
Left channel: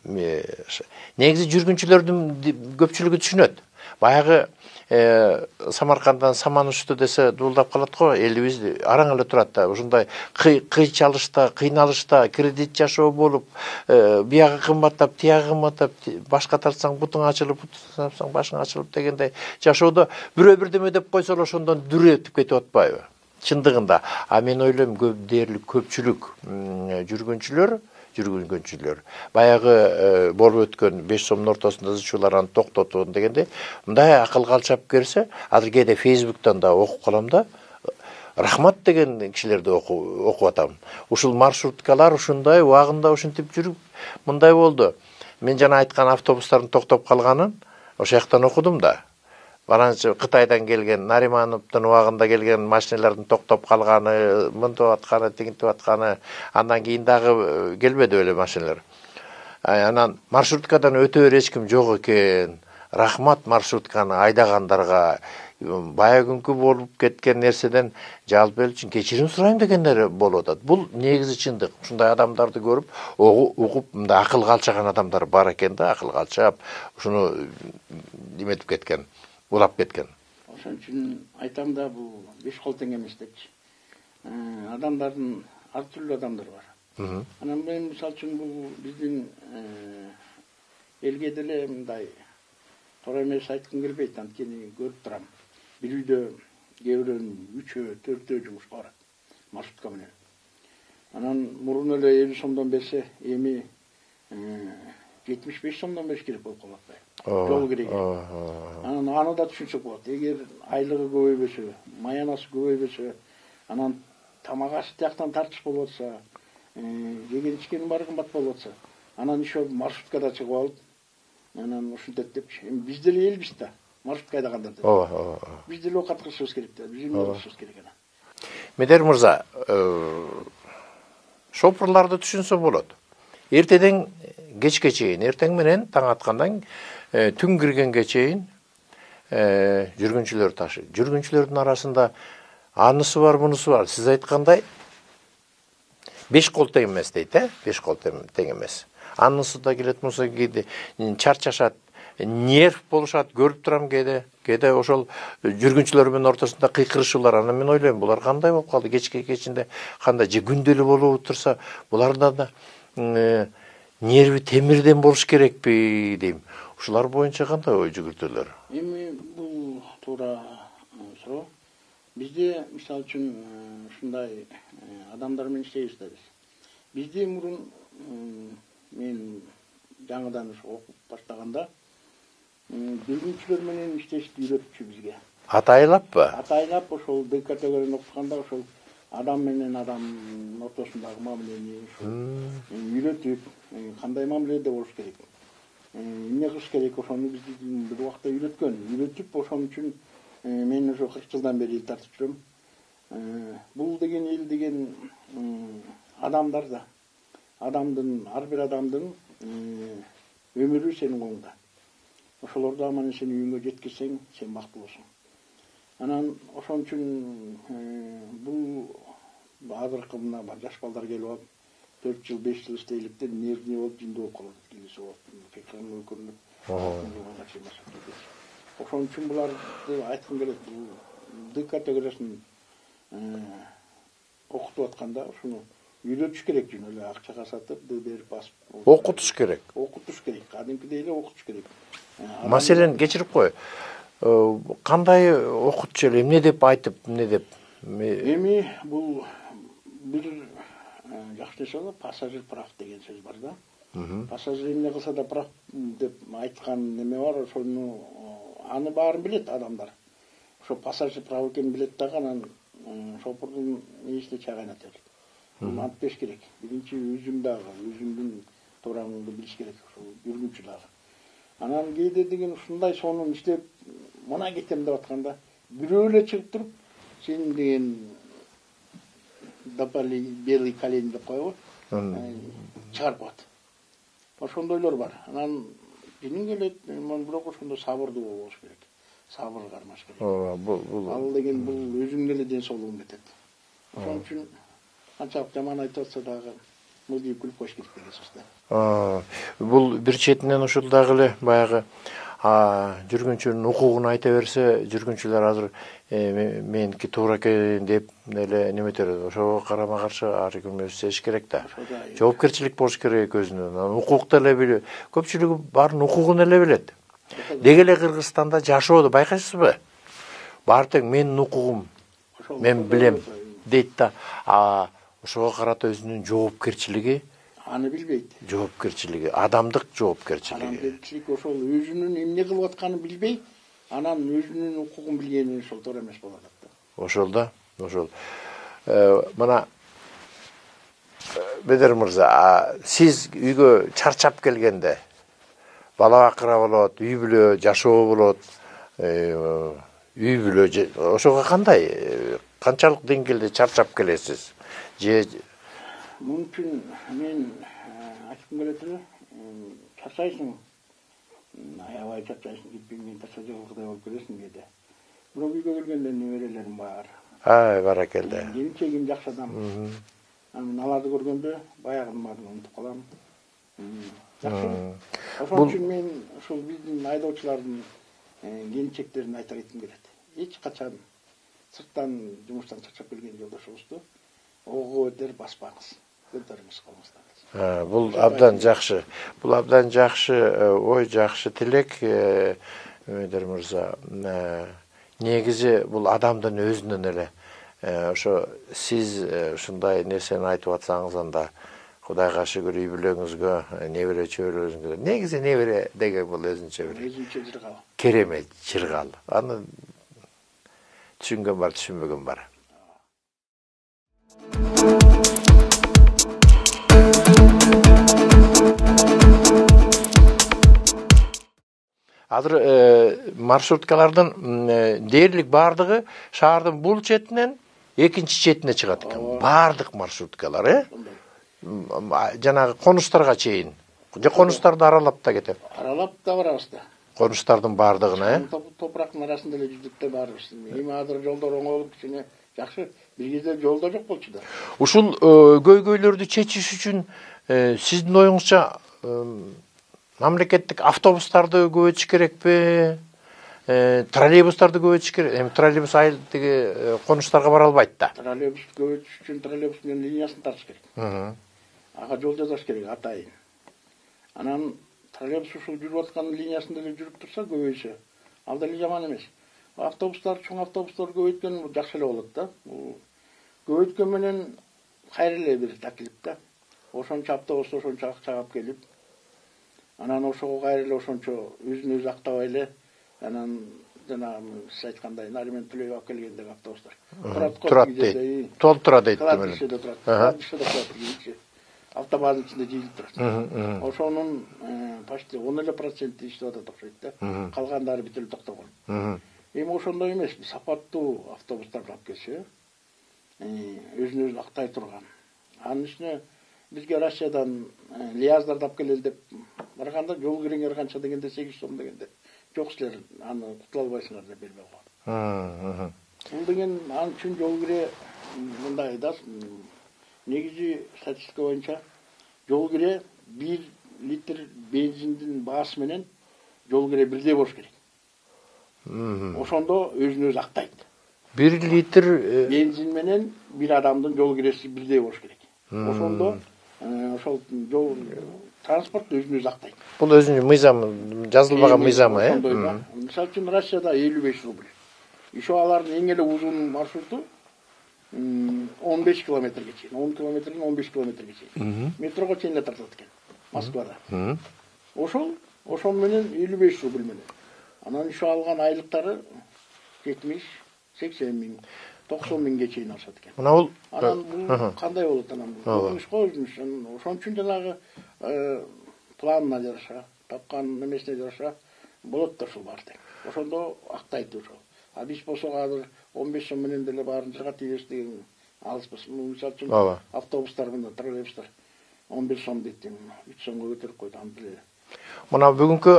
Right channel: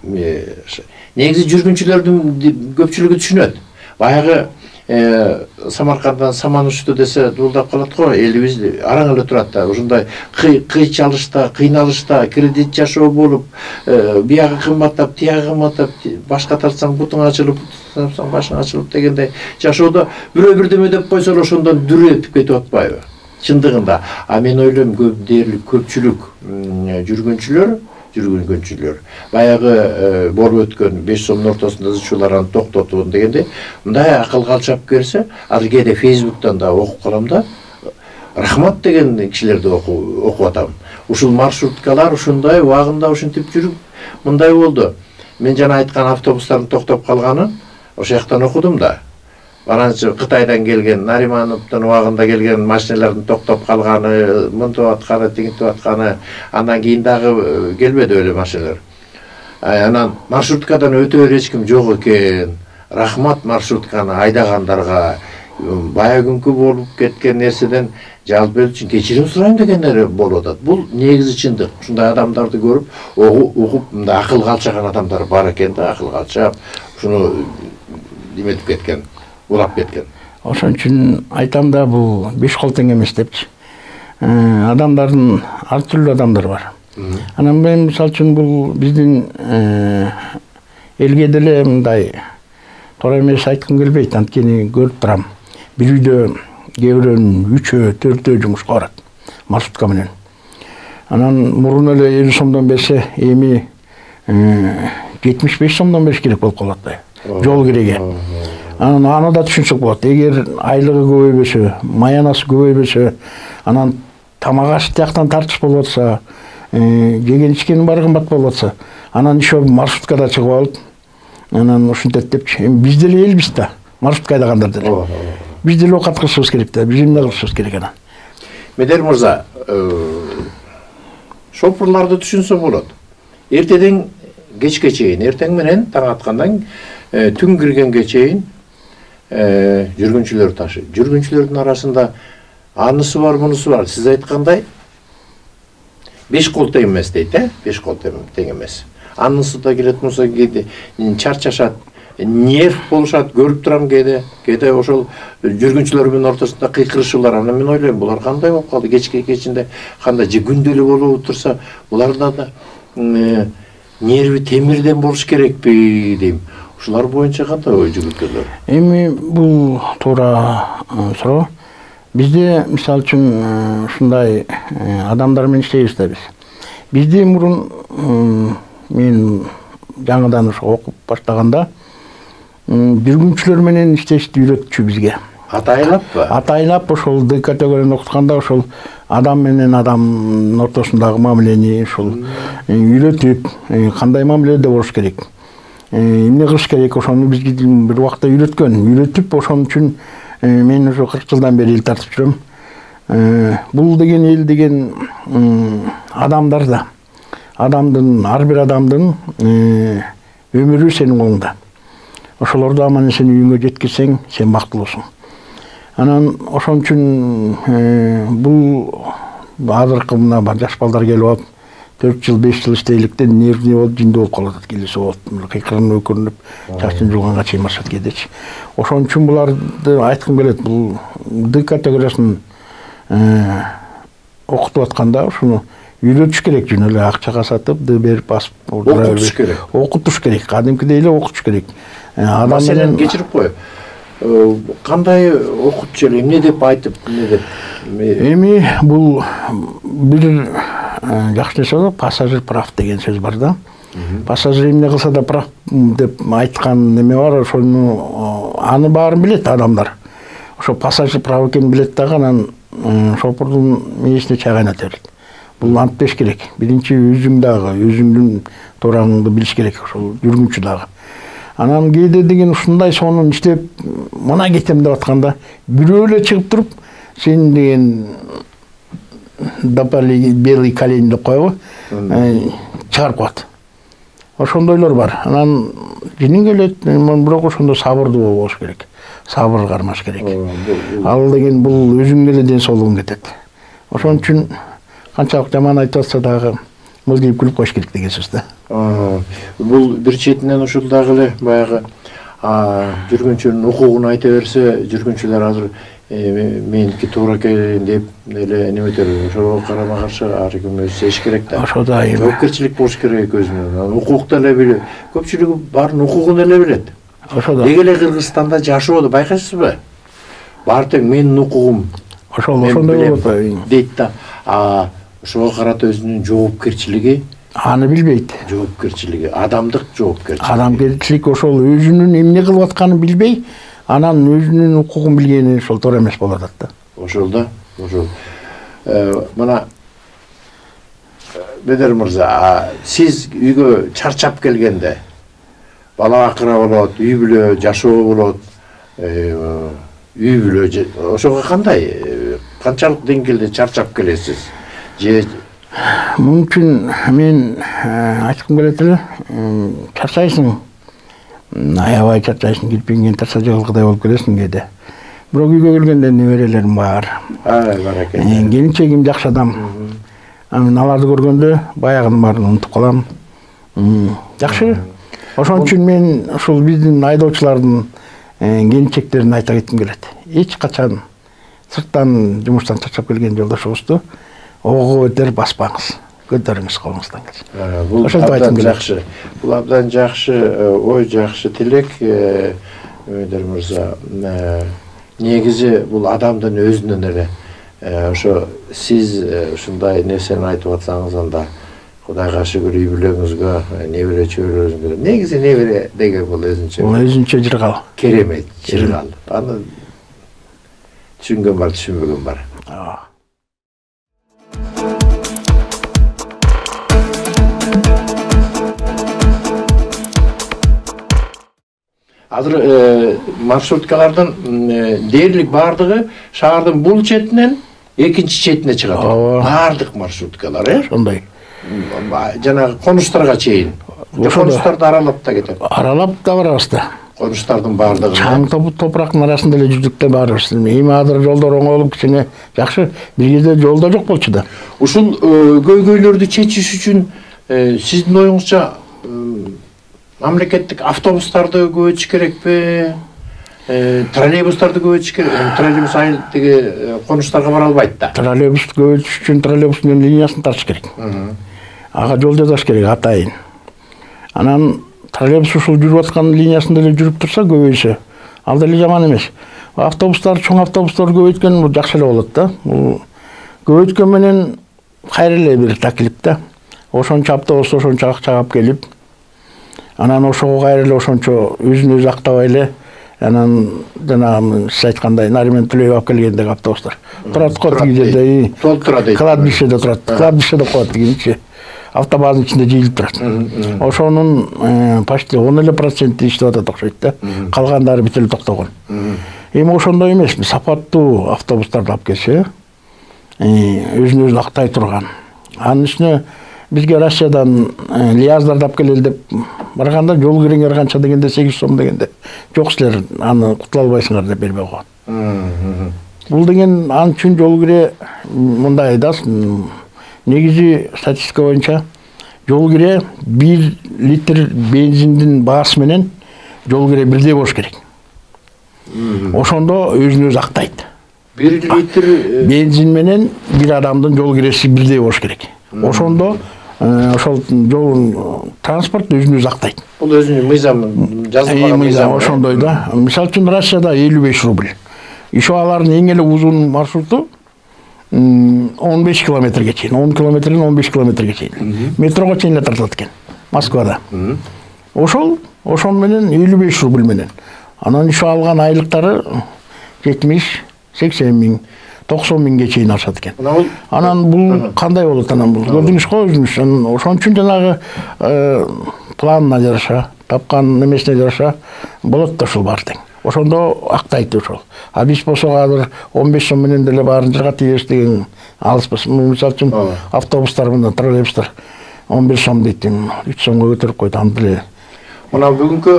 негизи жүргүнчүлөрдүн көпчүлүгү түшүнөт. Баягы Самаркандан саман учту десе дуулдап калат го, элибиз араң эле турат да. Ушундай кыйчалышта, кыйналышта, кредит жашоо болуп, биягы кымбаттап, тиягы кымбаттап, башка тартсаң бутуң ачылып, тартсаң башың ачылып дегендей жашоодо бирөө бирдеме деп койсо ошондон дүрөтүп кетип атпайбы? Чындыгында. А мен ойлойм көп дээрлик көпчүлүк жүргүнчүлөр баягы болуп өткөн 5 сомдун ортосунда зычууларын токтотуу дегенде мындай акыл калчап келсе, ал кээде Facebook'тан да окуп калам да. Рахмат деген кишилерди окуп атам. Ушул маршруткалар ушундай убагында ушинтип жүрүп мындай болду. Мен жана айткан автобустардын токтоп калганын ошол жактан окудум да. Ананчы Кытайдан келген, Наримановдун убагында келген машиналардын токтоп калганы, мынтип атканы, тигинтип атканы, андан кийин дагы келбеди эле машиналар. Анан маршруткадан өтө бер эч ким жок экен. Рахмат маршрутканы айдагандарга. Бая күнкү болуп кеткен нерседен жалпы үчүн кечирим сурайм дегендер болуп атат. Бул негизи чындык. Ушундай адамдарды көрүп, угуп, мындай акыл калчаган адамдар бар экен да, акыл калчап, ушуну неметип кеткен. Улап кеткен. Ошон үчүн айтам да, бул 5 кол тең эмес депчи. Адамдардын ар түрлүү адамдар бар. Анан мен мисалы үчүн бул биздин элге деле мындай туура эмес айткым келбейт, анткени көрүп турам. Бир үйдө кээ бирөөнүн 3-өө, 4-өө жумушка барат маршрутка менен. Анан мурун эле 50 сомдон берсе, эми 75 сомдон бериш керек болуп калат да. Жол киреге. Анан аны да түшүнсөк болот. Эгер айлыгы көбөйбөсө, маянасы көбөйбөсө, анан тамак аш тияктан тартыш болуп атса, жеген ичкенин баары кымбат болуп атса, анан еще маршруткада чыгып алып, анан ушинтет депчи. Эми биз деле элбиз да, маршрутка айдагандар деле. Биз деле окат кылышыбыз керек да, биз эмне кылышыбыз керек анан. Медер мырза, шопурларды түшүнсө болот. Эртеден кечке чейин, эртең менен таң аткандан түн киргенге чейин жүргүнчүлөр ташы. Жүргүнчүлөрдүн арасында анысы бар, мунусу бар. Сиз айткандай 5 кол тең эмес дейт, 5 кол тең эмес. Анысы да келет, мунусу кээде чарчашат, нерв болушат, көрүп турам кээде ошол жүргүнчүлөр менен ортосунда кыйкырышуулар. Анан мен ойлойм, булар кандай болуп калды, кечке кечинде кандай же күндөлүк болуп турса, буларда да нерви темирден болуш керекпи дейм. Ушулар боюнча кандай ой жүгүртөлөр? Эми бул туура суроо. Бизде мисалы үчүн ушундай адамдар менен иштейбиз да биз. Бизде мурун мен жаңыдан окуп баштаганда жүргүнчүлөр менен иштешти үйрөтчү бизге. Атайлаппы? Атайлап ошол Д категорияны окутканда ошол адам менен адамдын ортосундагы мамилени ушул үйрөтүп, кандай мамиледе болуш керек, эмне кылыш керек, ошону бизге бир убакта үйрөтүп, ошон үчүн мен уже 40 жылдан бери эл тартып жүрөм. Бул деген эл деген адамдар да, ар бир адамдын өмүрү сенин колуңда. Ошолорду аман эсен үйүңө жеткирсең, сен бактылуусуң. Анан ошон үчүн бул азыркы мына жаш балдар келип алып 4 жыл 5 жыл иштейликтен нервный болуп жиндүү болуп калат, келиси болот. Кыйкырынып өкүрүнүп, чачын жулганга чейин машат кетечи. Ошон үчүн буларды айткым келет. Бул Д категориясын окутуп атканда ушуну үйрөтүш керек, жөн эле акчага сатып, Д берип басып окутуш керек. Окутуш керек, кадимкидей эле окутуш керек. Маселени кечирип кой. Кандай окутчу эле, эмне деп айтып, эмне деп? Эми бул бир жакшы нерсе бар, пассажир прав деген сөз бар да. Пассажир эмне кылса да прав деп айткан неме бар, ошону аны баарын билет адамдар. Ошо пассажир прав экенин билет дагы, анан шопурдун мээсине чай кайната берет. Бул антпеш керек. Биринчи өзүң дагы, өзүңдүн туураңды билиш керек, ошол жүргүнчү дагы. Анан кээде деген ушундай сонун иштеп, мына кетем деп атканда, бирөө эле чыгып туруп, сен деген допали белый колень деп койбу, чыгарып коет. Ошондойлор бар. Анан жиниң келет, бирок ошондо сабырдуу болуш керек. Сабыр кармаш керек. Ал деген бул өзүңдүн эле ден соолугуң кетет. Ошон үчүн канчалык жаман айтып атса дагы мылдыйып күлүп коюш керек деген сөз да. Бул бир четинен ушул дагы эле баягы жүргүнчүнүн укугун айта берсе, жүргүнчүлөр азыр меники туура экен деп эле неметер. Ошого карама каршы ар ким өзү сезиш керек да. Ошо да жоопкерчилик болуш керек өзүнүн. Укукту эле билет. Көпчүлүгү баарын укугун эле билет. Ошо да. Деги эле Кыргызстанда жашоодо байкайсызбы? Баары тең менин укугум. Ошондой дейт да. Ошого карата өзүнүн жоопкерчилиги аны билбейт. Жоопкерчилиги, адамдык жоопкерчилик. Адамгерчилик ошол өзүнүн эмне кылып атканын билбей, анан өзүнүн укугун билгени ошол туура эмес болуп атат да. Ошол да, ошол. Мына Бедер мырза, сиз үйгө чарчап келгенде, бала бакыра болот, үй бүлө жашоо болот, үй бүлө ошого кандай, канчалык деңгээлде чарчап келесиз? Же Мүмкүн мен айткым келет эле, чарчайсың, аябай чарчайсың, кирпиңден тарса жыгылгыдай болуп келесиң кээде. Бирок үйгө келгенде неберелерим бар. Бар экен. Келинчегим жакшы адам. Мен аларды көргөндө баягынын баарын унутуп калам. Жакшы. Ошон үчүн мен ушул биздин айдоочулардын келинчектерине айта кетким келет. Эч качан сырттан жумуштан чарчап келген жолдошуңузду ого көтөрүп баспаңыз. Көтөрүңүз колуңуздан келсе. Бул абдан жакшы. Бул абдан жакшы ой, жакшы тилек. Өйдөр мырза, негизи бул адамдын өзүнөн эле ошо сиз ушундай нерсени айтып атсаңыз, анда Кудайга шүгүр үй бүлөңүзгө, небере чөбөрөңүзгө. Негизи небере деген бул өзүнчө. Бул өзүнчө жыргал. Керемет жыргал. Аны түшүнгөн бар, түшүнбөгөн бар. Азыр маршруткалардын дээрлик баардыгы шаардын бул четинен экинчи четине чыгат. Баардык маршруткалар, Ошондой. Жанагы конуштарга чейин. Конуштарды аралап да кетет. Аралап да барабыз да. Конуштардын баардыгын. Чаң топурактын арасында эле жүздүк да барабыз. Эми азыр жолдор оңолуп кичине жакшы. Бир кезде жолдо жок болчу да. Ушул көйгөйлөрдү чечиш үчүн сиздин оюңузча мамлекеттик автобустарды көбөйтүш керекпи? Троллейбустарды көбөйтүш керек. Троллейбус айылдагы конуштарга бара албайт да. Троллейбусту көбөйтүш үчүн троллейбустун линиясын тартыш керек. Ага жол жасаш керек атайын. Анан троллейбус ушул жүрүп аткан линиясында эле жүрүп турса көбөйсө, ал деле жаман эмес. Автобустар, чоң автобустар көбөйткөн бул жакшы эле болот да. Бул көбөйткөн менен кайра эле бир таклип да. Ошончо автобус ошончо акча алып келип, анан ошого кайра эле ошончо өзүн өзү актабай эле, анан жанагы сиз айткандай Нариман Төлөев алып келгендеги автобустар. Турат коддегидей. Толтура дейт. Кладбищеде турат. Кладбищеде коет дегенчи. Автобаздын ичинде жыйылып турат. Ошонун почти 10% иштеп атат окшойт да. Калгандары бүт эле токтогон. Эми ошондой эмес, сапаттуу автобустарды алып келсе, өзүн өзү актай турган. Анын үстүнө бизге Россиядан лияздарды алып келели деп барганда жол киреңер канча дегенде 8 сом дегенде жок силер аны кутула албайсыңар деп бербей койгон. Бул деген ал үчүн жол кире мындай да негизи статистика боюнча жол кире 1 литр бензиндин баасы менен жол кире бирдей болуш керек. Ошондо өзүн өзү актайт. 1 литр бензин менен бир адамдын жол киреси бирдей болуш керек. Ошондо ошол жол транспорт өзүн өзү актайт. Бул өзүнүн мыйзамы, жазылбаган мыйзамы. Ошондой да. Мисалы үчүн Россияда 55 рубль. Ишо алардын эң эле узун маршруту 15 километрге чейин, 10 километрден 15 километрге чейин. Метрого чейин эле тартат экен Москвада. Ошол менен 55 рубль менен. Анан ишо алган айлыктары 70, 80 миң, 90 миңге чейин ашат экен. Анан бул кандай болот анан бул? Көрдүңүз го өзүңүз. Ошон үчүн жанагы планына жараша, тапкан немесине жараша болот да ушул баары тең. Ошондо актайт ошол. А биз болсо азыр 15 сом менен деле баарын жыргап тийбеш деген алыспыз. Мисалы үчүн автобустар менен троллейбустар 11 сом дейт, 3 сомго көтөрүп койду аны деле. Мына бүгүнкү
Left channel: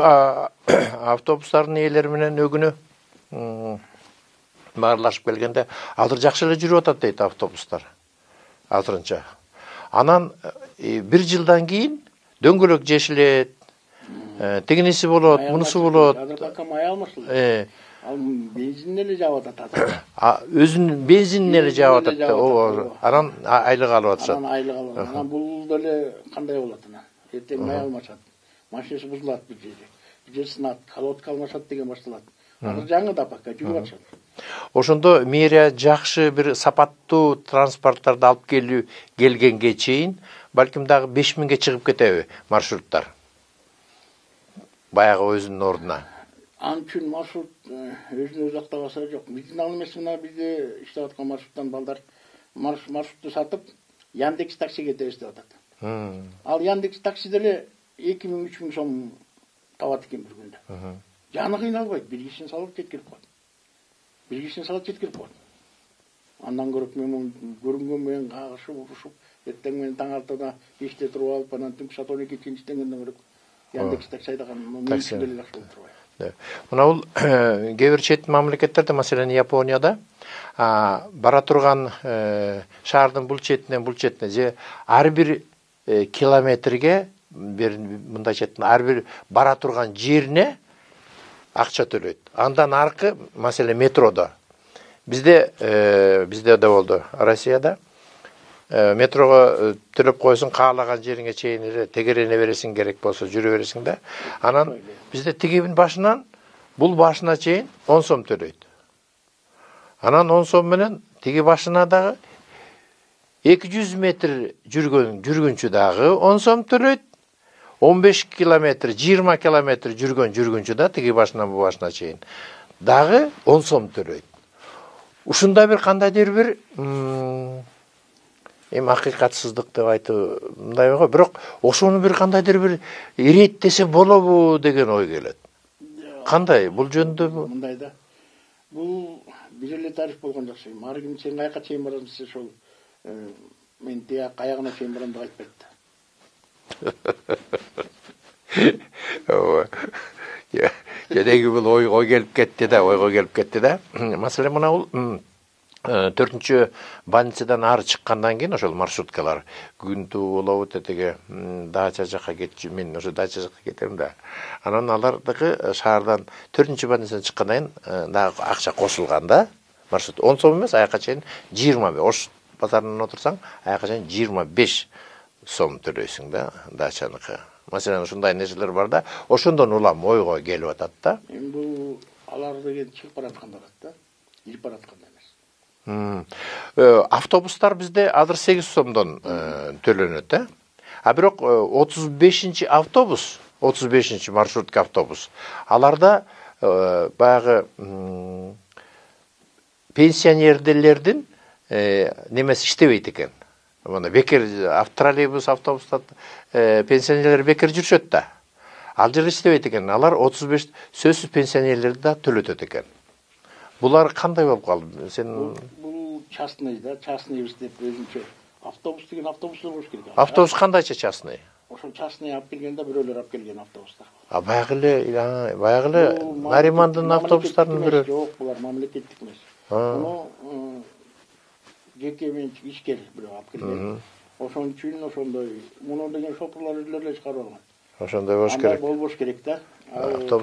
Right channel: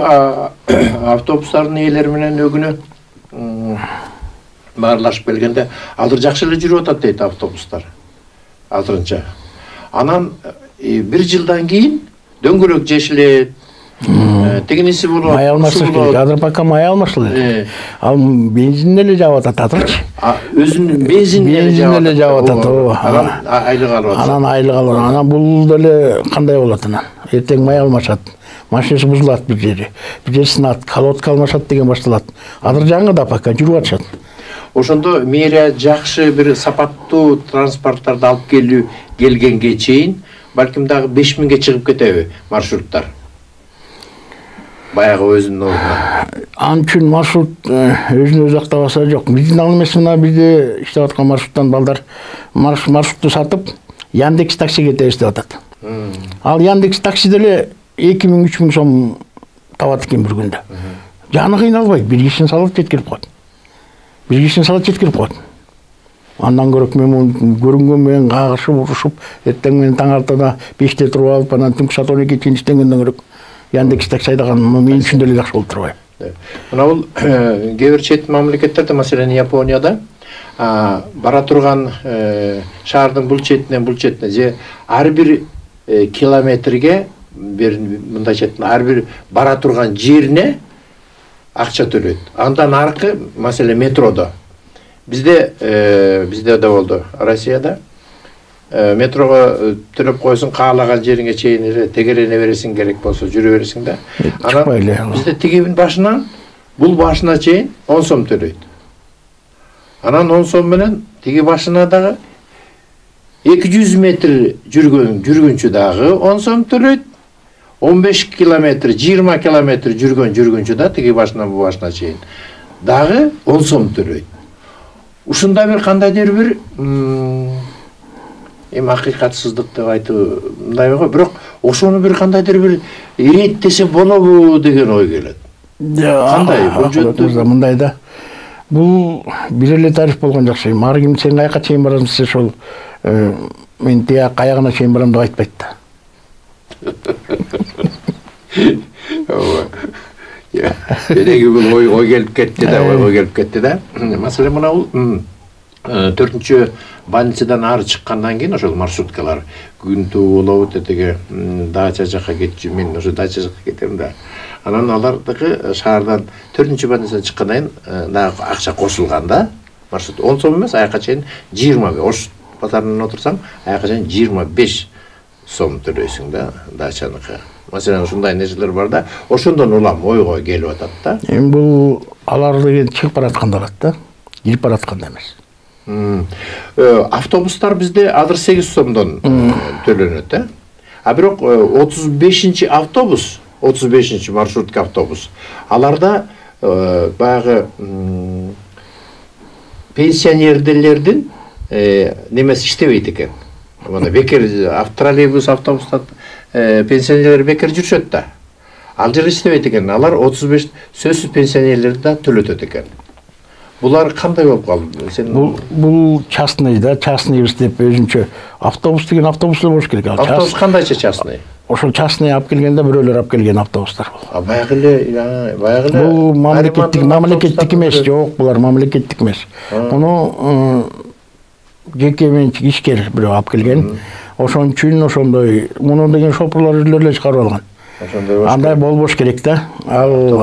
автобустардын ээлери менен өгүнө баарлашып келгенде азыр жакшы эле жүрүп атат дейт автобустар. Азырынча. Анан 1 жылдан кийин дөңгөлөк жешилет, тегинеси болот, мунусу болот. Азыр пока май алмашылы. Ал бензин эле жаап атат азырчы. Өзүнүн бензинин эле жаап атат. Анан айлык алып атат. Анан айлык алып. Анан бул деле кандай болот анан? Эртең май алмашат. Машинасы бузулат бир жери. Бир жери сынат, колодка алмашат деген башталат. Азыр жаңы да пока жүрүп атышат. Ошондо мэрия жакшы бир сапаттуу транспорттарды алып келгенге чейин балким дагы 5000ге чыгып кетеби маршруттар? Баягы өзүнүн ордуна. Ал үчүн маршрут өзүн өзү актабаса жок. Биздин ал эмес мына бизде иштеп аткан маршруттан балдар маршрутту сатып Яндекс таксиге кетебиз деп атат. Ал Яндекс такси деле 2000-3000 сом табат экен бир күндө. Жаны кыйналбайт, бир кишини салып жеткирип коет. Андан көрөк мен көрүнгөн менен кагышып, урушуп, эртең менен таң артада 5те туруп алып, анан түнкү саат 12 чейин иштегенден көрөк Яндекс такси айдаган мен үчүн деле жакшы болуп турбайбы. Мына бул кээ бир чет мамлекеттерде, маселен Японияда бара турган шаардын бул четинен бул четине же ар бир километрге бир мындай четтен ар бир бара турган жерине акча төлөйт. Андан аркы, маселен метродо. Bizde de oldu. Россияда метрого төлөп койсуң, каалаган жериңе чейин тегерене бересиң, керек болсо жүрө бересиң да. Анан бизде тигибин башынан бул башына чейин 10 сом төлөйт. Анан 10 сом менен тиги башына дагы 200 метр жүргөнчү дагы 10 сом төлөйт. 15 километр, 20 километр жүргөнчү да тиги башынан бу башына чейин дагы 10 сом төлөйт. Ушунда бир кандайдыр бир акыйкатсыздык деп айтып мындай го, бирок ошону бир кандайдыр бир иреттесе болобу деген ой келет. Кандай бул жөнүндө мындай да. Бул бир эле тариф болгон жакшы. Ар ким сен каяка чейин барасың десе, ошол мен тияк аягына чейин барам деп айтпайт да. Деги бул ой келип кетти да, Маселен мына бул 4-чү больницадан ары чыккандан кийин ошол маршруткалар күнтүү болобу тетеге дача жакка кетчү, мен ошо дача жакка кетем да. Анан алардыкы шаардан 4-чү больницадан чыккандан кийин дагы акча кошулган да. Маршрут 10 сом эмес, аяка чейин 20. Ош базарынан отурсаң, аяка чейин 25 сом төлөйсүң да дачаныкы. Маселен ушундай нерселер бар да, ошондон улам ойго келип атат да. Эми бул алар деген чыгып баратканда алат да, кирип баратканда эмес. Автобустар бизде азыр 8 сомдон төлөнөт, а бирок 35-чи автобус, 35-чи маршрутка автобус, аларда баягы пенсионерлердин немеси иштебейт экен. Мына бекер троллейбус, автобуста пенсионерлер бекер жүрүшөт да. Ал жер иштебейт экен. Алар 35 сөзсүз пенсионерлерди да төлөтөт экен. Булар кандай болуп калды? Сен бул частный да, частный деп өзүнчө автобус деген автобустар болуш керек. Автобус кандайча частный? Ошол частный алып келгенде бирөөлөр алып келген автобустар бул. Баягы бул мамлекеттик эмес, жок, булар мамлекеттик эмес. Муну жеке менчик ишкер бирөө алып келген. Ошон үчүн ошондой муну деген шопурлар үйлөр эле чыгарып алган. Ошондой болуш керек. Андай болбош керек да.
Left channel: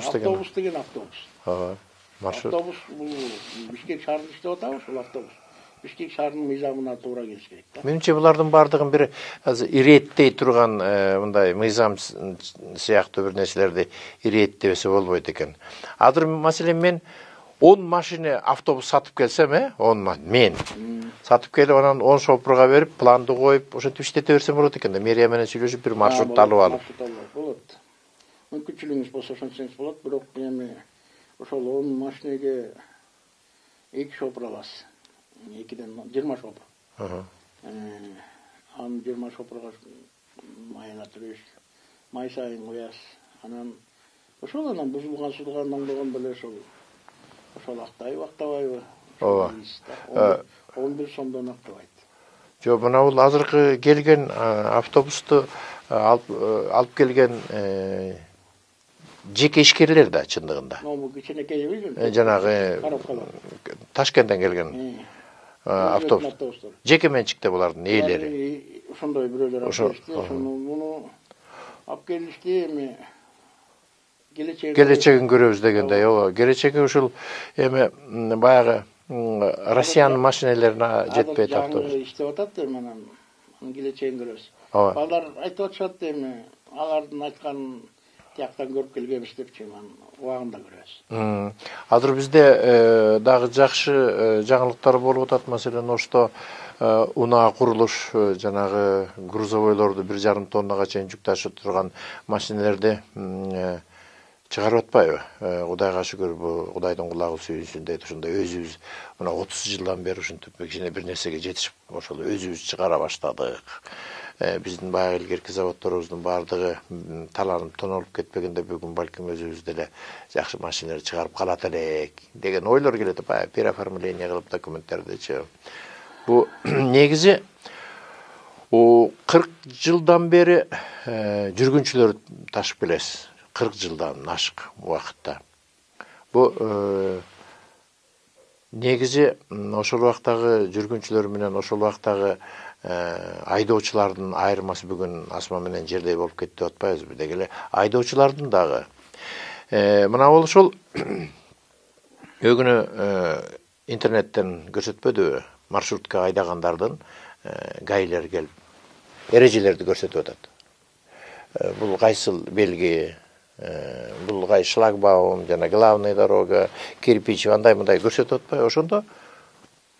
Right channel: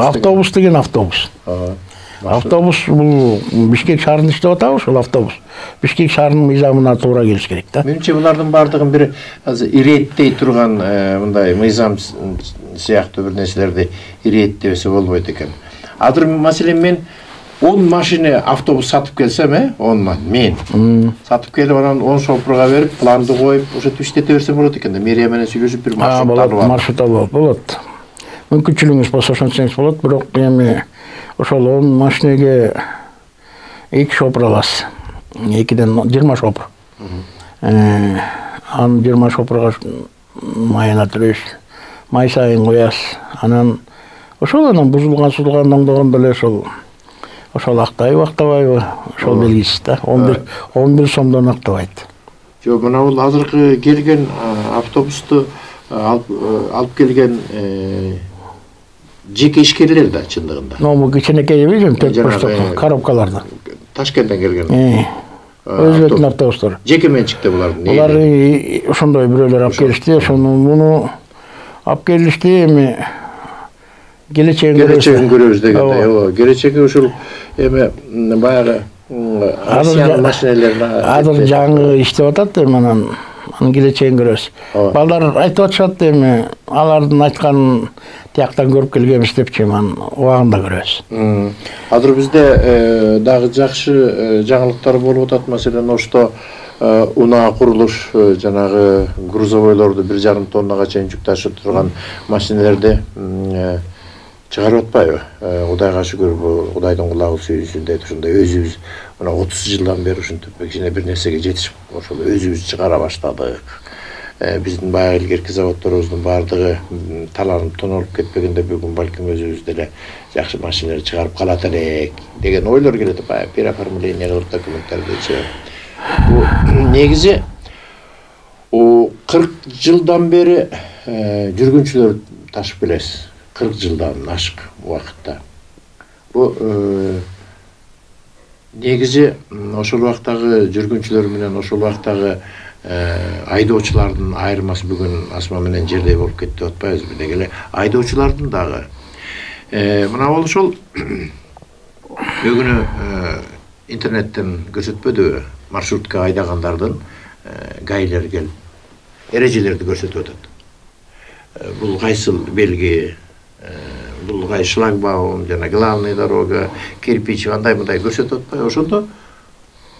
Автобус деген автобус. Автобус бул Бишкек шаарында иштеп атабы ошол автобус. Бишкек шаарынын мыйзамына туура келиш керек да. Менимче булардын баардыгын бир азыр иреттей турган мындай мыйзам сыяктуу бир нерселерди иреттебесе болбойт экен. Азыр маселен мен 10 машина автобус сатып келсем, 10 мен сатып келип анан 10 шопурга берип, планды коюп, ошентип иштете берсем болот экен да. Мэрия менен сүйлөшүп бир маршрут алып алып. Маршрут алып болот. Мүмкүнчүлүгүңүз болсо ошентсеңиз болот, бирок эми ошол 10 машинеге 2 шопур аласыз. 2ден 20 шопур. Анын 20 шопурга майына төрөйсүз. Май сайын коясыз. Анан ошол бузулган сузулган оңдогондо эле ошол актайбы, актабайбы, ошол белгисиз да. 11 сомдон актабайт. Жок, мына бул азыркы келген автобусту алып келген жеке ишкерлер да чындыгында. Бул кичинекей эмес, коробкаларда. Ташкенттен келген. Өзүнүн автобустары. Жеке менчикте булардын. Булар ошондой бирөөлөр алып келишти, ошону муну алып келишти, эми келечегин көрөбүз дегендей. Ооба, келечеги ушул эми баягы Россиянын машиналарына азыр жаңы иштеп атат, эми анан келечегин көрөбүз. Балдар айтып атышат, эми алардын айтканын тияктан көрүп келгенбиз депчи, анан убагында көрөбүз. Азыр бизде дагы жакшы жаңылыктар болуп атат. Маселен, ошто унаа курулуш жанагы грузовойлорду 1,5 тоннага чейин жүк ташып турган машиналерди чыгарып атпайбы? Кудайга шүгүр, Кудайдын кулагы сүйүүсүндөй ушундай өзүбүз мына 30 жылдан бери ушинтип кичине бир нерсеге жетишип, ошол өзүбүз чыгара баштадык. Биздин баягы илгерки заводдорубуздун баардыгы таланып тонолуп кетпегенде бүгүн балким өзүбүз деле жакшы машиналар чыгарып калат элек деген ойлор келет. Баягы переоформление кылып документтардычы. Бу негизи 40 жылдан бери жүргүнчүлөр ташып келесиз. 40 жылдан ашык убакытта. Бу негизи ошол убактагы жүргүнчүлөр менен ошол убактагы айдоочулардын айырмасы бүгүн асма менен жердей болуп кетти деп атпайбызбы? Деги эле айдоочулардын дагы мына бул ошол бүгүнү интернеттен көрсөтпөдүбү? Маршрутка айдагандардын гайлер келип эрежелерди көрсөтүп атат. Бул кайсыл белги, бул кай шлагбаум, жана главный дорога, кирпич, андай-мындай көрсөтүп атпайбы? Ошондо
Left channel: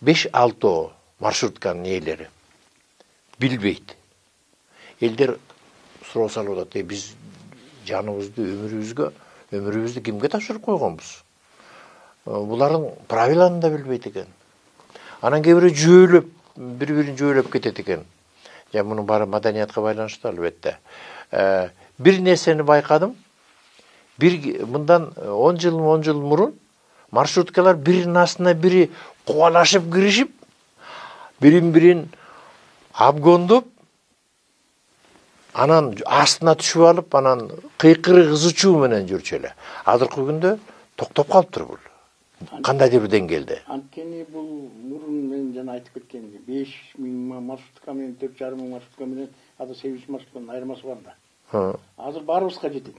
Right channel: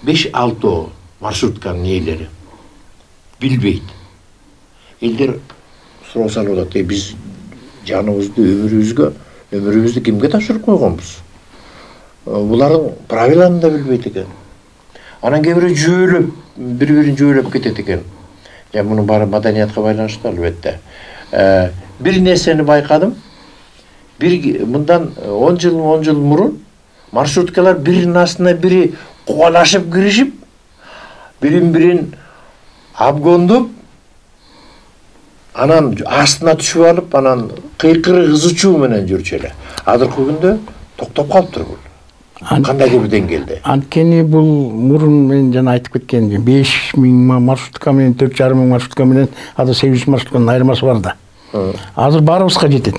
5-6 маршрутканын ээлери билбейт. Элдер суроо салып атат, биз жаныбызды, өмүрүбүздү кимге тапшырып койгонбуз? Булардын правиланы да билбейт экен. Анан кээ бирөө жөөлөп, бири-бирин жөөлөп кетет экен. Мунун баары маданиятка байланыштуу албетте. Бир нерсени байкадым. Мындан 10 жыл мурун маршруткалар биринин астына бири кубалашып киришип, бирин абгондоп, анан астына түшүп алып, анан кыйкыры кызычуу менен жүрчү эле. Азыркы күндө токтоп калыптыр бул. Кандайдыр бир деңгээлде. Анткени бул мурун мен жана айтып кеткен 5000 маршрутка менен 4500 маршрутка менен ада 800 маршрутканын айырмасы бар да. Азыр баарыбызга жетет.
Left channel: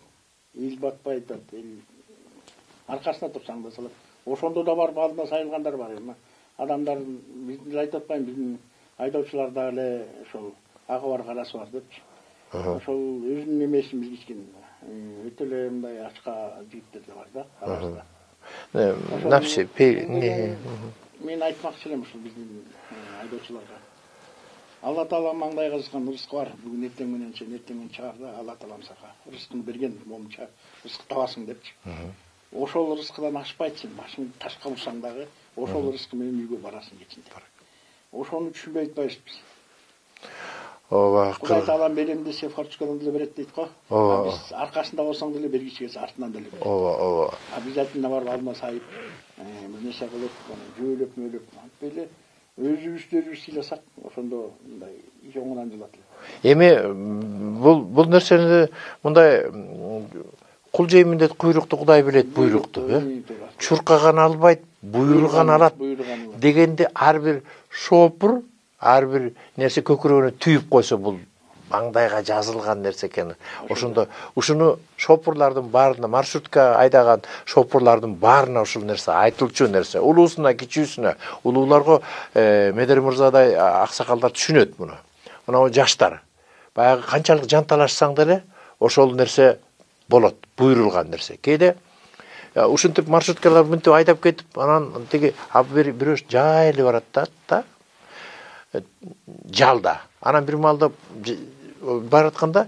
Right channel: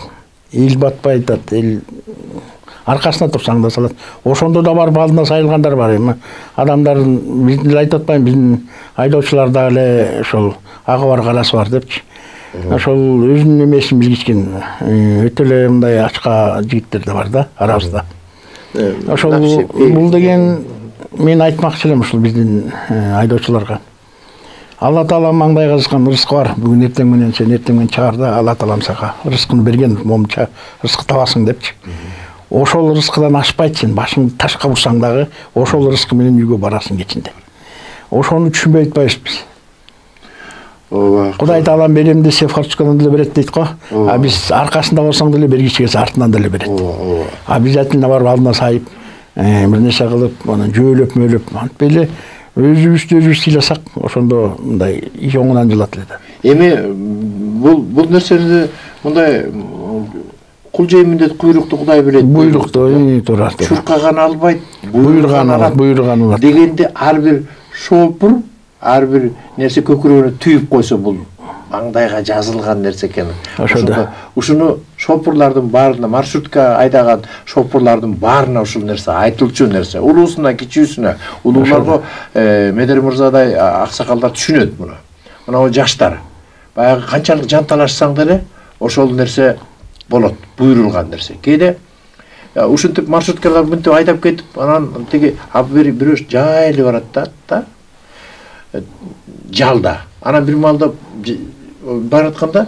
Эл батпай атат, эл аркасына турсаң да салат. Ошондо да барып алдына сайылгандар бар эми. Адамдардын биздин эле айтып атпайм, биздин айдоочулар да эле ошол агы бар карасы бар депчи. Ошол өзүнүн эмесин билгичкен өтө эле мындай ачка жигиттер да бар да арабызда. Ошол бул деген мен айтмакчы элем ушул биздин айдоочуларга. Алла Таала маңдайга жазган рызкы бар. Бүгүн эртең менен сен эртең менен чыгар да Алла Таалам сага рызкыны берген, момча рызкы табасың депчи. Ошол рызкыдан ашпайт, сен башыңды ташка бурсаң дагы ошол рызкы менен үйгө барасың кечинде. Ошону түшүнбөй атпайбыз биз. Ооба. Кудай Таалам берем десе форточкадан деле берет дейт го. Биз аркасында болсоң деле бергичи келсе артынан деле берет. Ооба. Обязательно барып алдына сайып бир нерсе кылып, анан жөөлөп мөөлөп, антип эле өзүбүздү сыйласак, ошондо мындай иш оңунан жылат эле да. Эми бул нерсени мындай кул жейминдет куйрукту Кудай билет. Буйрукту туура. Чуркаган албайт, буйруган алат. Буйруган алат. Дегенде ар бир шопур, ар бир нерсе көкүрөгүнө түйүп койсо бул маңдайга жазылган нерсе экен. Ошондо ушуну шопурлардын баарына, маршрутка айдаган шопурлардын баарына ушул нерсе айтылчу нерсе. Улуусуна, кичүүсүнө, улууларга Медер мырзадай аксакалдар түшүнөт муну. Мына жаштар баягы канчалык жанталашсаң деле ошол нерсе болот, буйрулган нерсе. Кээде ушинтип маршруткалар мынтип айдап кетип, анан тиги бирөө жайлы барат да, жалда. Анан бир маалда баратканда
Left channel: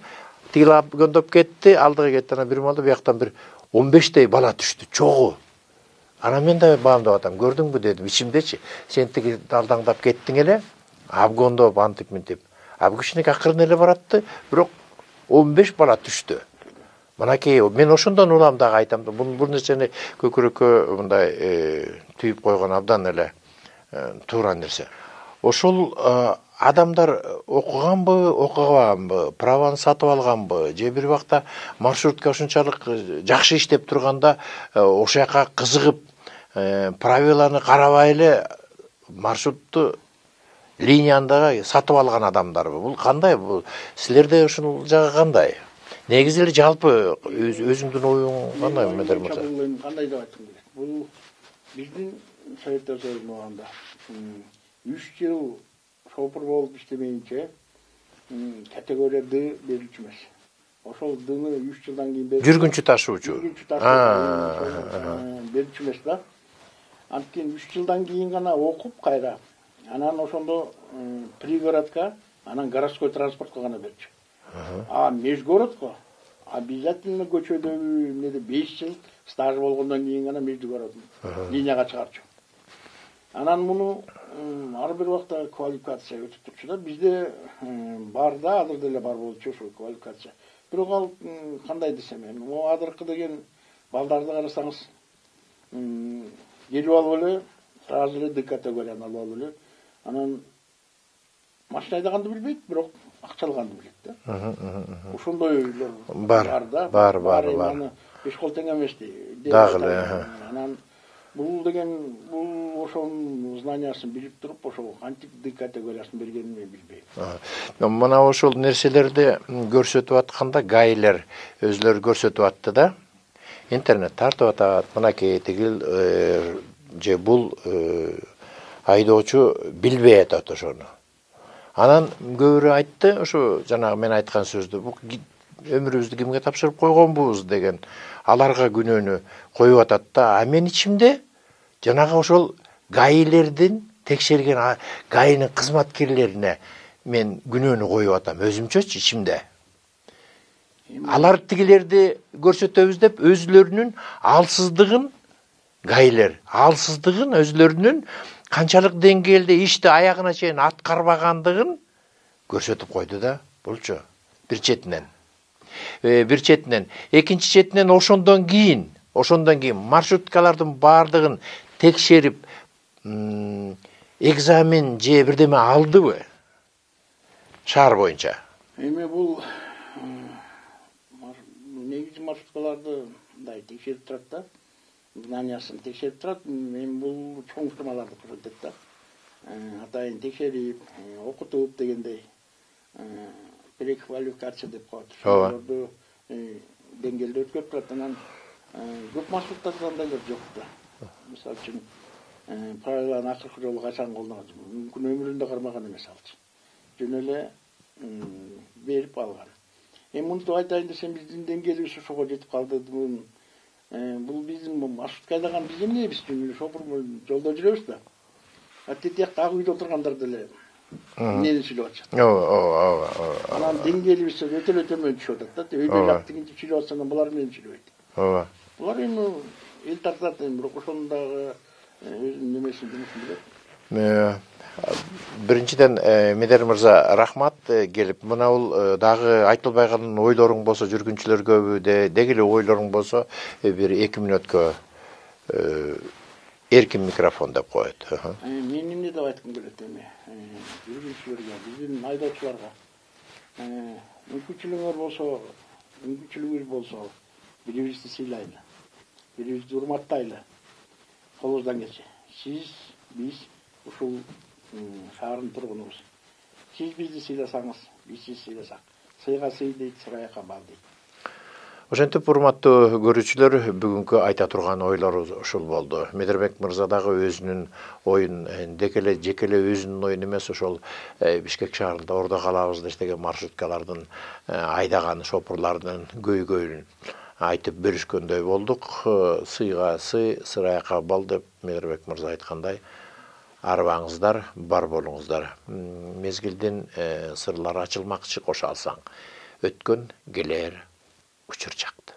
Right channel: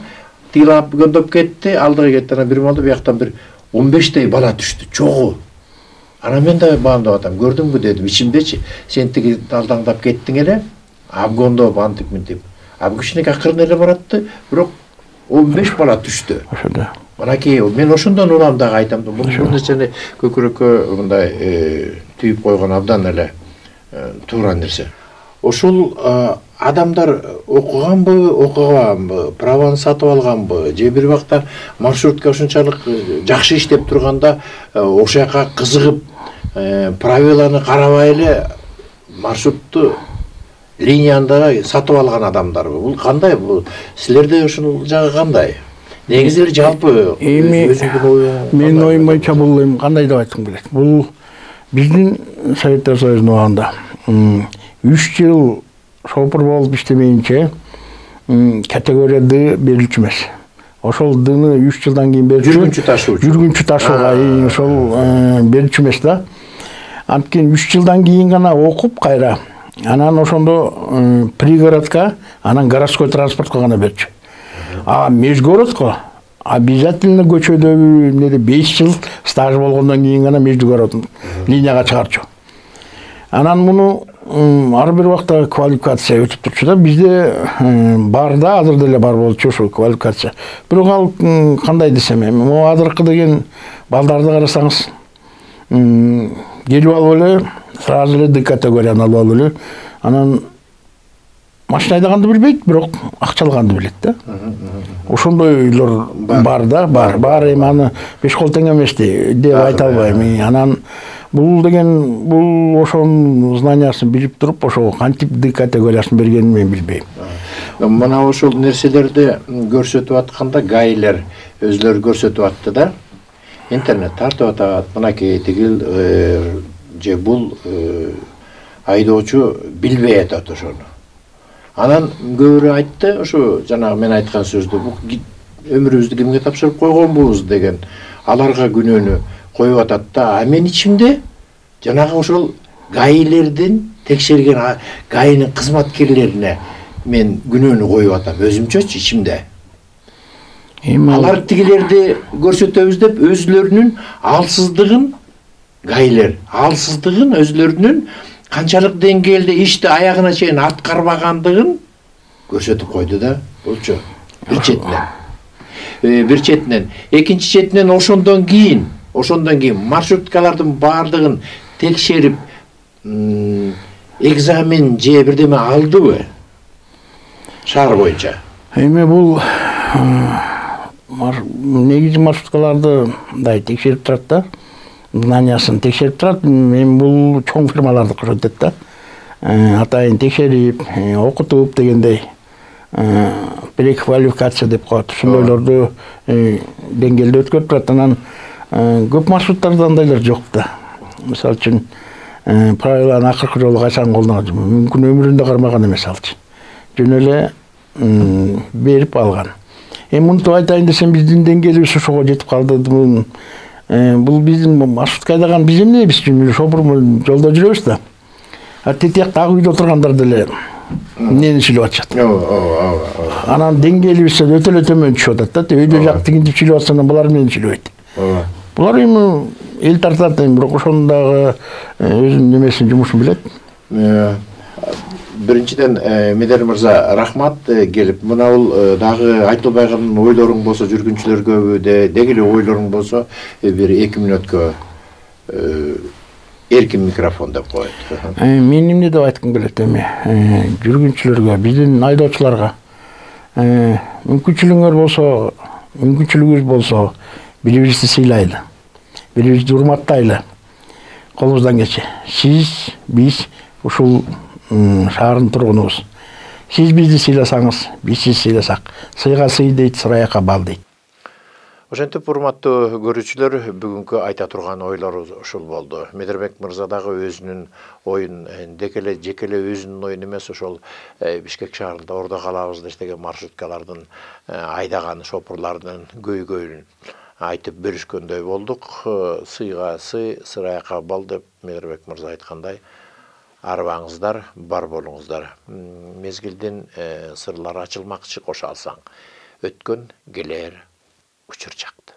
тиги көндөп кетти, алдыга кетти. Анан бир маалда бияктан бир 15 бала түштү, чогуу. Анан мен да баамдап атам, көрдүңбү дедим, ичимдечи, сен тиги алдаңдап кеттиң эле, абгондоп антип мынтип. Аб кичине акырын эле баратты, бирок 15 бала түштү. Ошондо. Манакей, мен ошондон улам дагы айтам, бул нерсени көкүрөккө мындай түйүп койгон абдан эле туура нерсе. Ошол адамдар окуганбы, окуганбы, праваны сатып алганбы, же бир убакта маршрутка ушунчалык жакшы иштеп турганда ошол жака кызыгып, правиланы карабай эле маршрутту линияны дагы сатып алган адамдарбы? Бул кандай? Бул силерде ушул жагы кандай? Негизи эле жалпы өзүңдүн оюң. Менин оюм боюнча бул эми кандай деп айткым келет. Бул биздин Советтер Союзунун убагында 3 жыл шопур болуп иштемейинче категория D берилчү эмес. Ошол Д'ны 3 жылдан кийин берилчү. Жүргүнчү ташуучу. Жүргүнчү ташууга ошол берилчү эмес да. Анткени 3 жылдан кийин гана окуп кайра. Анан ошондо пригородко, анан городской транспортко гана берчү. А межгородко обязательно көчөдөгү эмнеде 5 жыл стаж болгондон кийин гана межгородун линияга чыгарчу. Анан муну ар бир убакта квалификация өтүп турчу да. Бизде бар да, азыр деле бар болчу ошол квалификация. Бирок ал кандай десем, могу азыркы деген балдарды карасаңыз, келип алып эле сразу эле D категорияны алып алып эле, анан машина айдаганды билбейт, бирок акча алганды билет да. Ошондойлор бар да, бар. Эми аны 5 кол тең эмес деп айта албайм. Анан бул деген, бул ошонун знаниясын билип туруп, ошо кантип D категориясын бергенин мен билбейм. Мына ошол нерселерди көрсөтүп атканда гайлер өзлөрү көрсөтүп атты да. Интернет тартып атат, мынакей тигил же бул айдоочу билбей атат ошону. Анан көбүрө айтты, ошо жанагы мен айткан сөздү, бул өмүрүбүздү кимге тапшырып койгонбуз деген аларга күнөөнү коюп атат да. А мен ичимде жанагы ошол гайлердин текшерген гайынын кызматкерлерине мен күнөөнү коюп атам өзүмчөчү ичимде. Алар тигилерди көрсөтөбүз деп өзлөрүнүн алсыздыгын, гайлер алсыздыгын, өзлөрүнүн канчалык деңгээлде ишти аягына чейин аткарбагандыгын көрсөтүп койду да. Булчу бир четинен. Экинчи четинен ошондон кийин маршруткалардын баардыгын текшерип экзамен же бирдеме алдыбы? Шаар боюнча. Эми бул негизи маршруткаларды мындай текшерип турат да. Знаниясын текшерип турат. Эми бул чоң фирмаларды көрсөтөт да. Атайын текшерип, окутуп дегендей переквалификация деп коет. Ошондойлорду деңгээлде өткөрүп турат. Анан көп маршруттарда андайлар жок да. Мисалы үчүн правиланы акыркы жолу качан колдонот, мүмкүн өмүрүндө кармаган эмес алчы. Жөн эле берип алган. Мынтип айтайын десем, биздин деңгээлибиз ошого жетип калды. Бул биздин маршрутка айдаган биз эмнебиз үчүн шопур жолдо жүрөбүз да. А тетияктагы үйдө отургандар деле эмнени сүйлөп атышат. Анан деңгээлибиз өтө эле төмөн түшүп атат да. Өйдө жак тигинтип сүйлөп атса, булар эмнени сүйлөбөйт. Булар эми эл тартат, бирок ошонун дагы өзүнүн немесин, жумушун билет. Биринчиден Медер мырза рахмат келип, мына бул дагы айтылбайган ойлоруң болсо жүргүнчүлөргө деги эле ойлоруң болсо бир 2 мүнөткө Эркин микрофон деп коет. Мен эмне деп айткым келет эми жүргүнчүлөргө, биздин айдоочуларга мүмкүнчүлүгүңүз болсо бири-бирибизди сыйлайлы, бири-бирибизди урматтайлы. Колубуздан келчи. Сиз, биз ушул шаардын тургунубуз. Сиз бизди сыйласаңыз, биз сизди сыйласак. Сыйга сый дейт, сыраяка бал дейт. Ошентип, урматтуу көрүүчүлөр, бүгүнкү айта турган ойлорубуз ушул болду. Медербек мырза дагы өзүнүн оюн, жекеле өзүнүн оюн эмес, ошол Бишкек шаарында Ордо калабызда иштеген маршруткалардын айдаган шопурлардын көйгөйүн айтып бөлүшкөндөй болдук. Сыйга сый, сыраяка бал деп Медербек мырза айткандай, арбаңыздар, бар болуңуздар. Мезгилдин сырлары ачылмакчы, кошо алсаң. Өткөн келер учур чакты.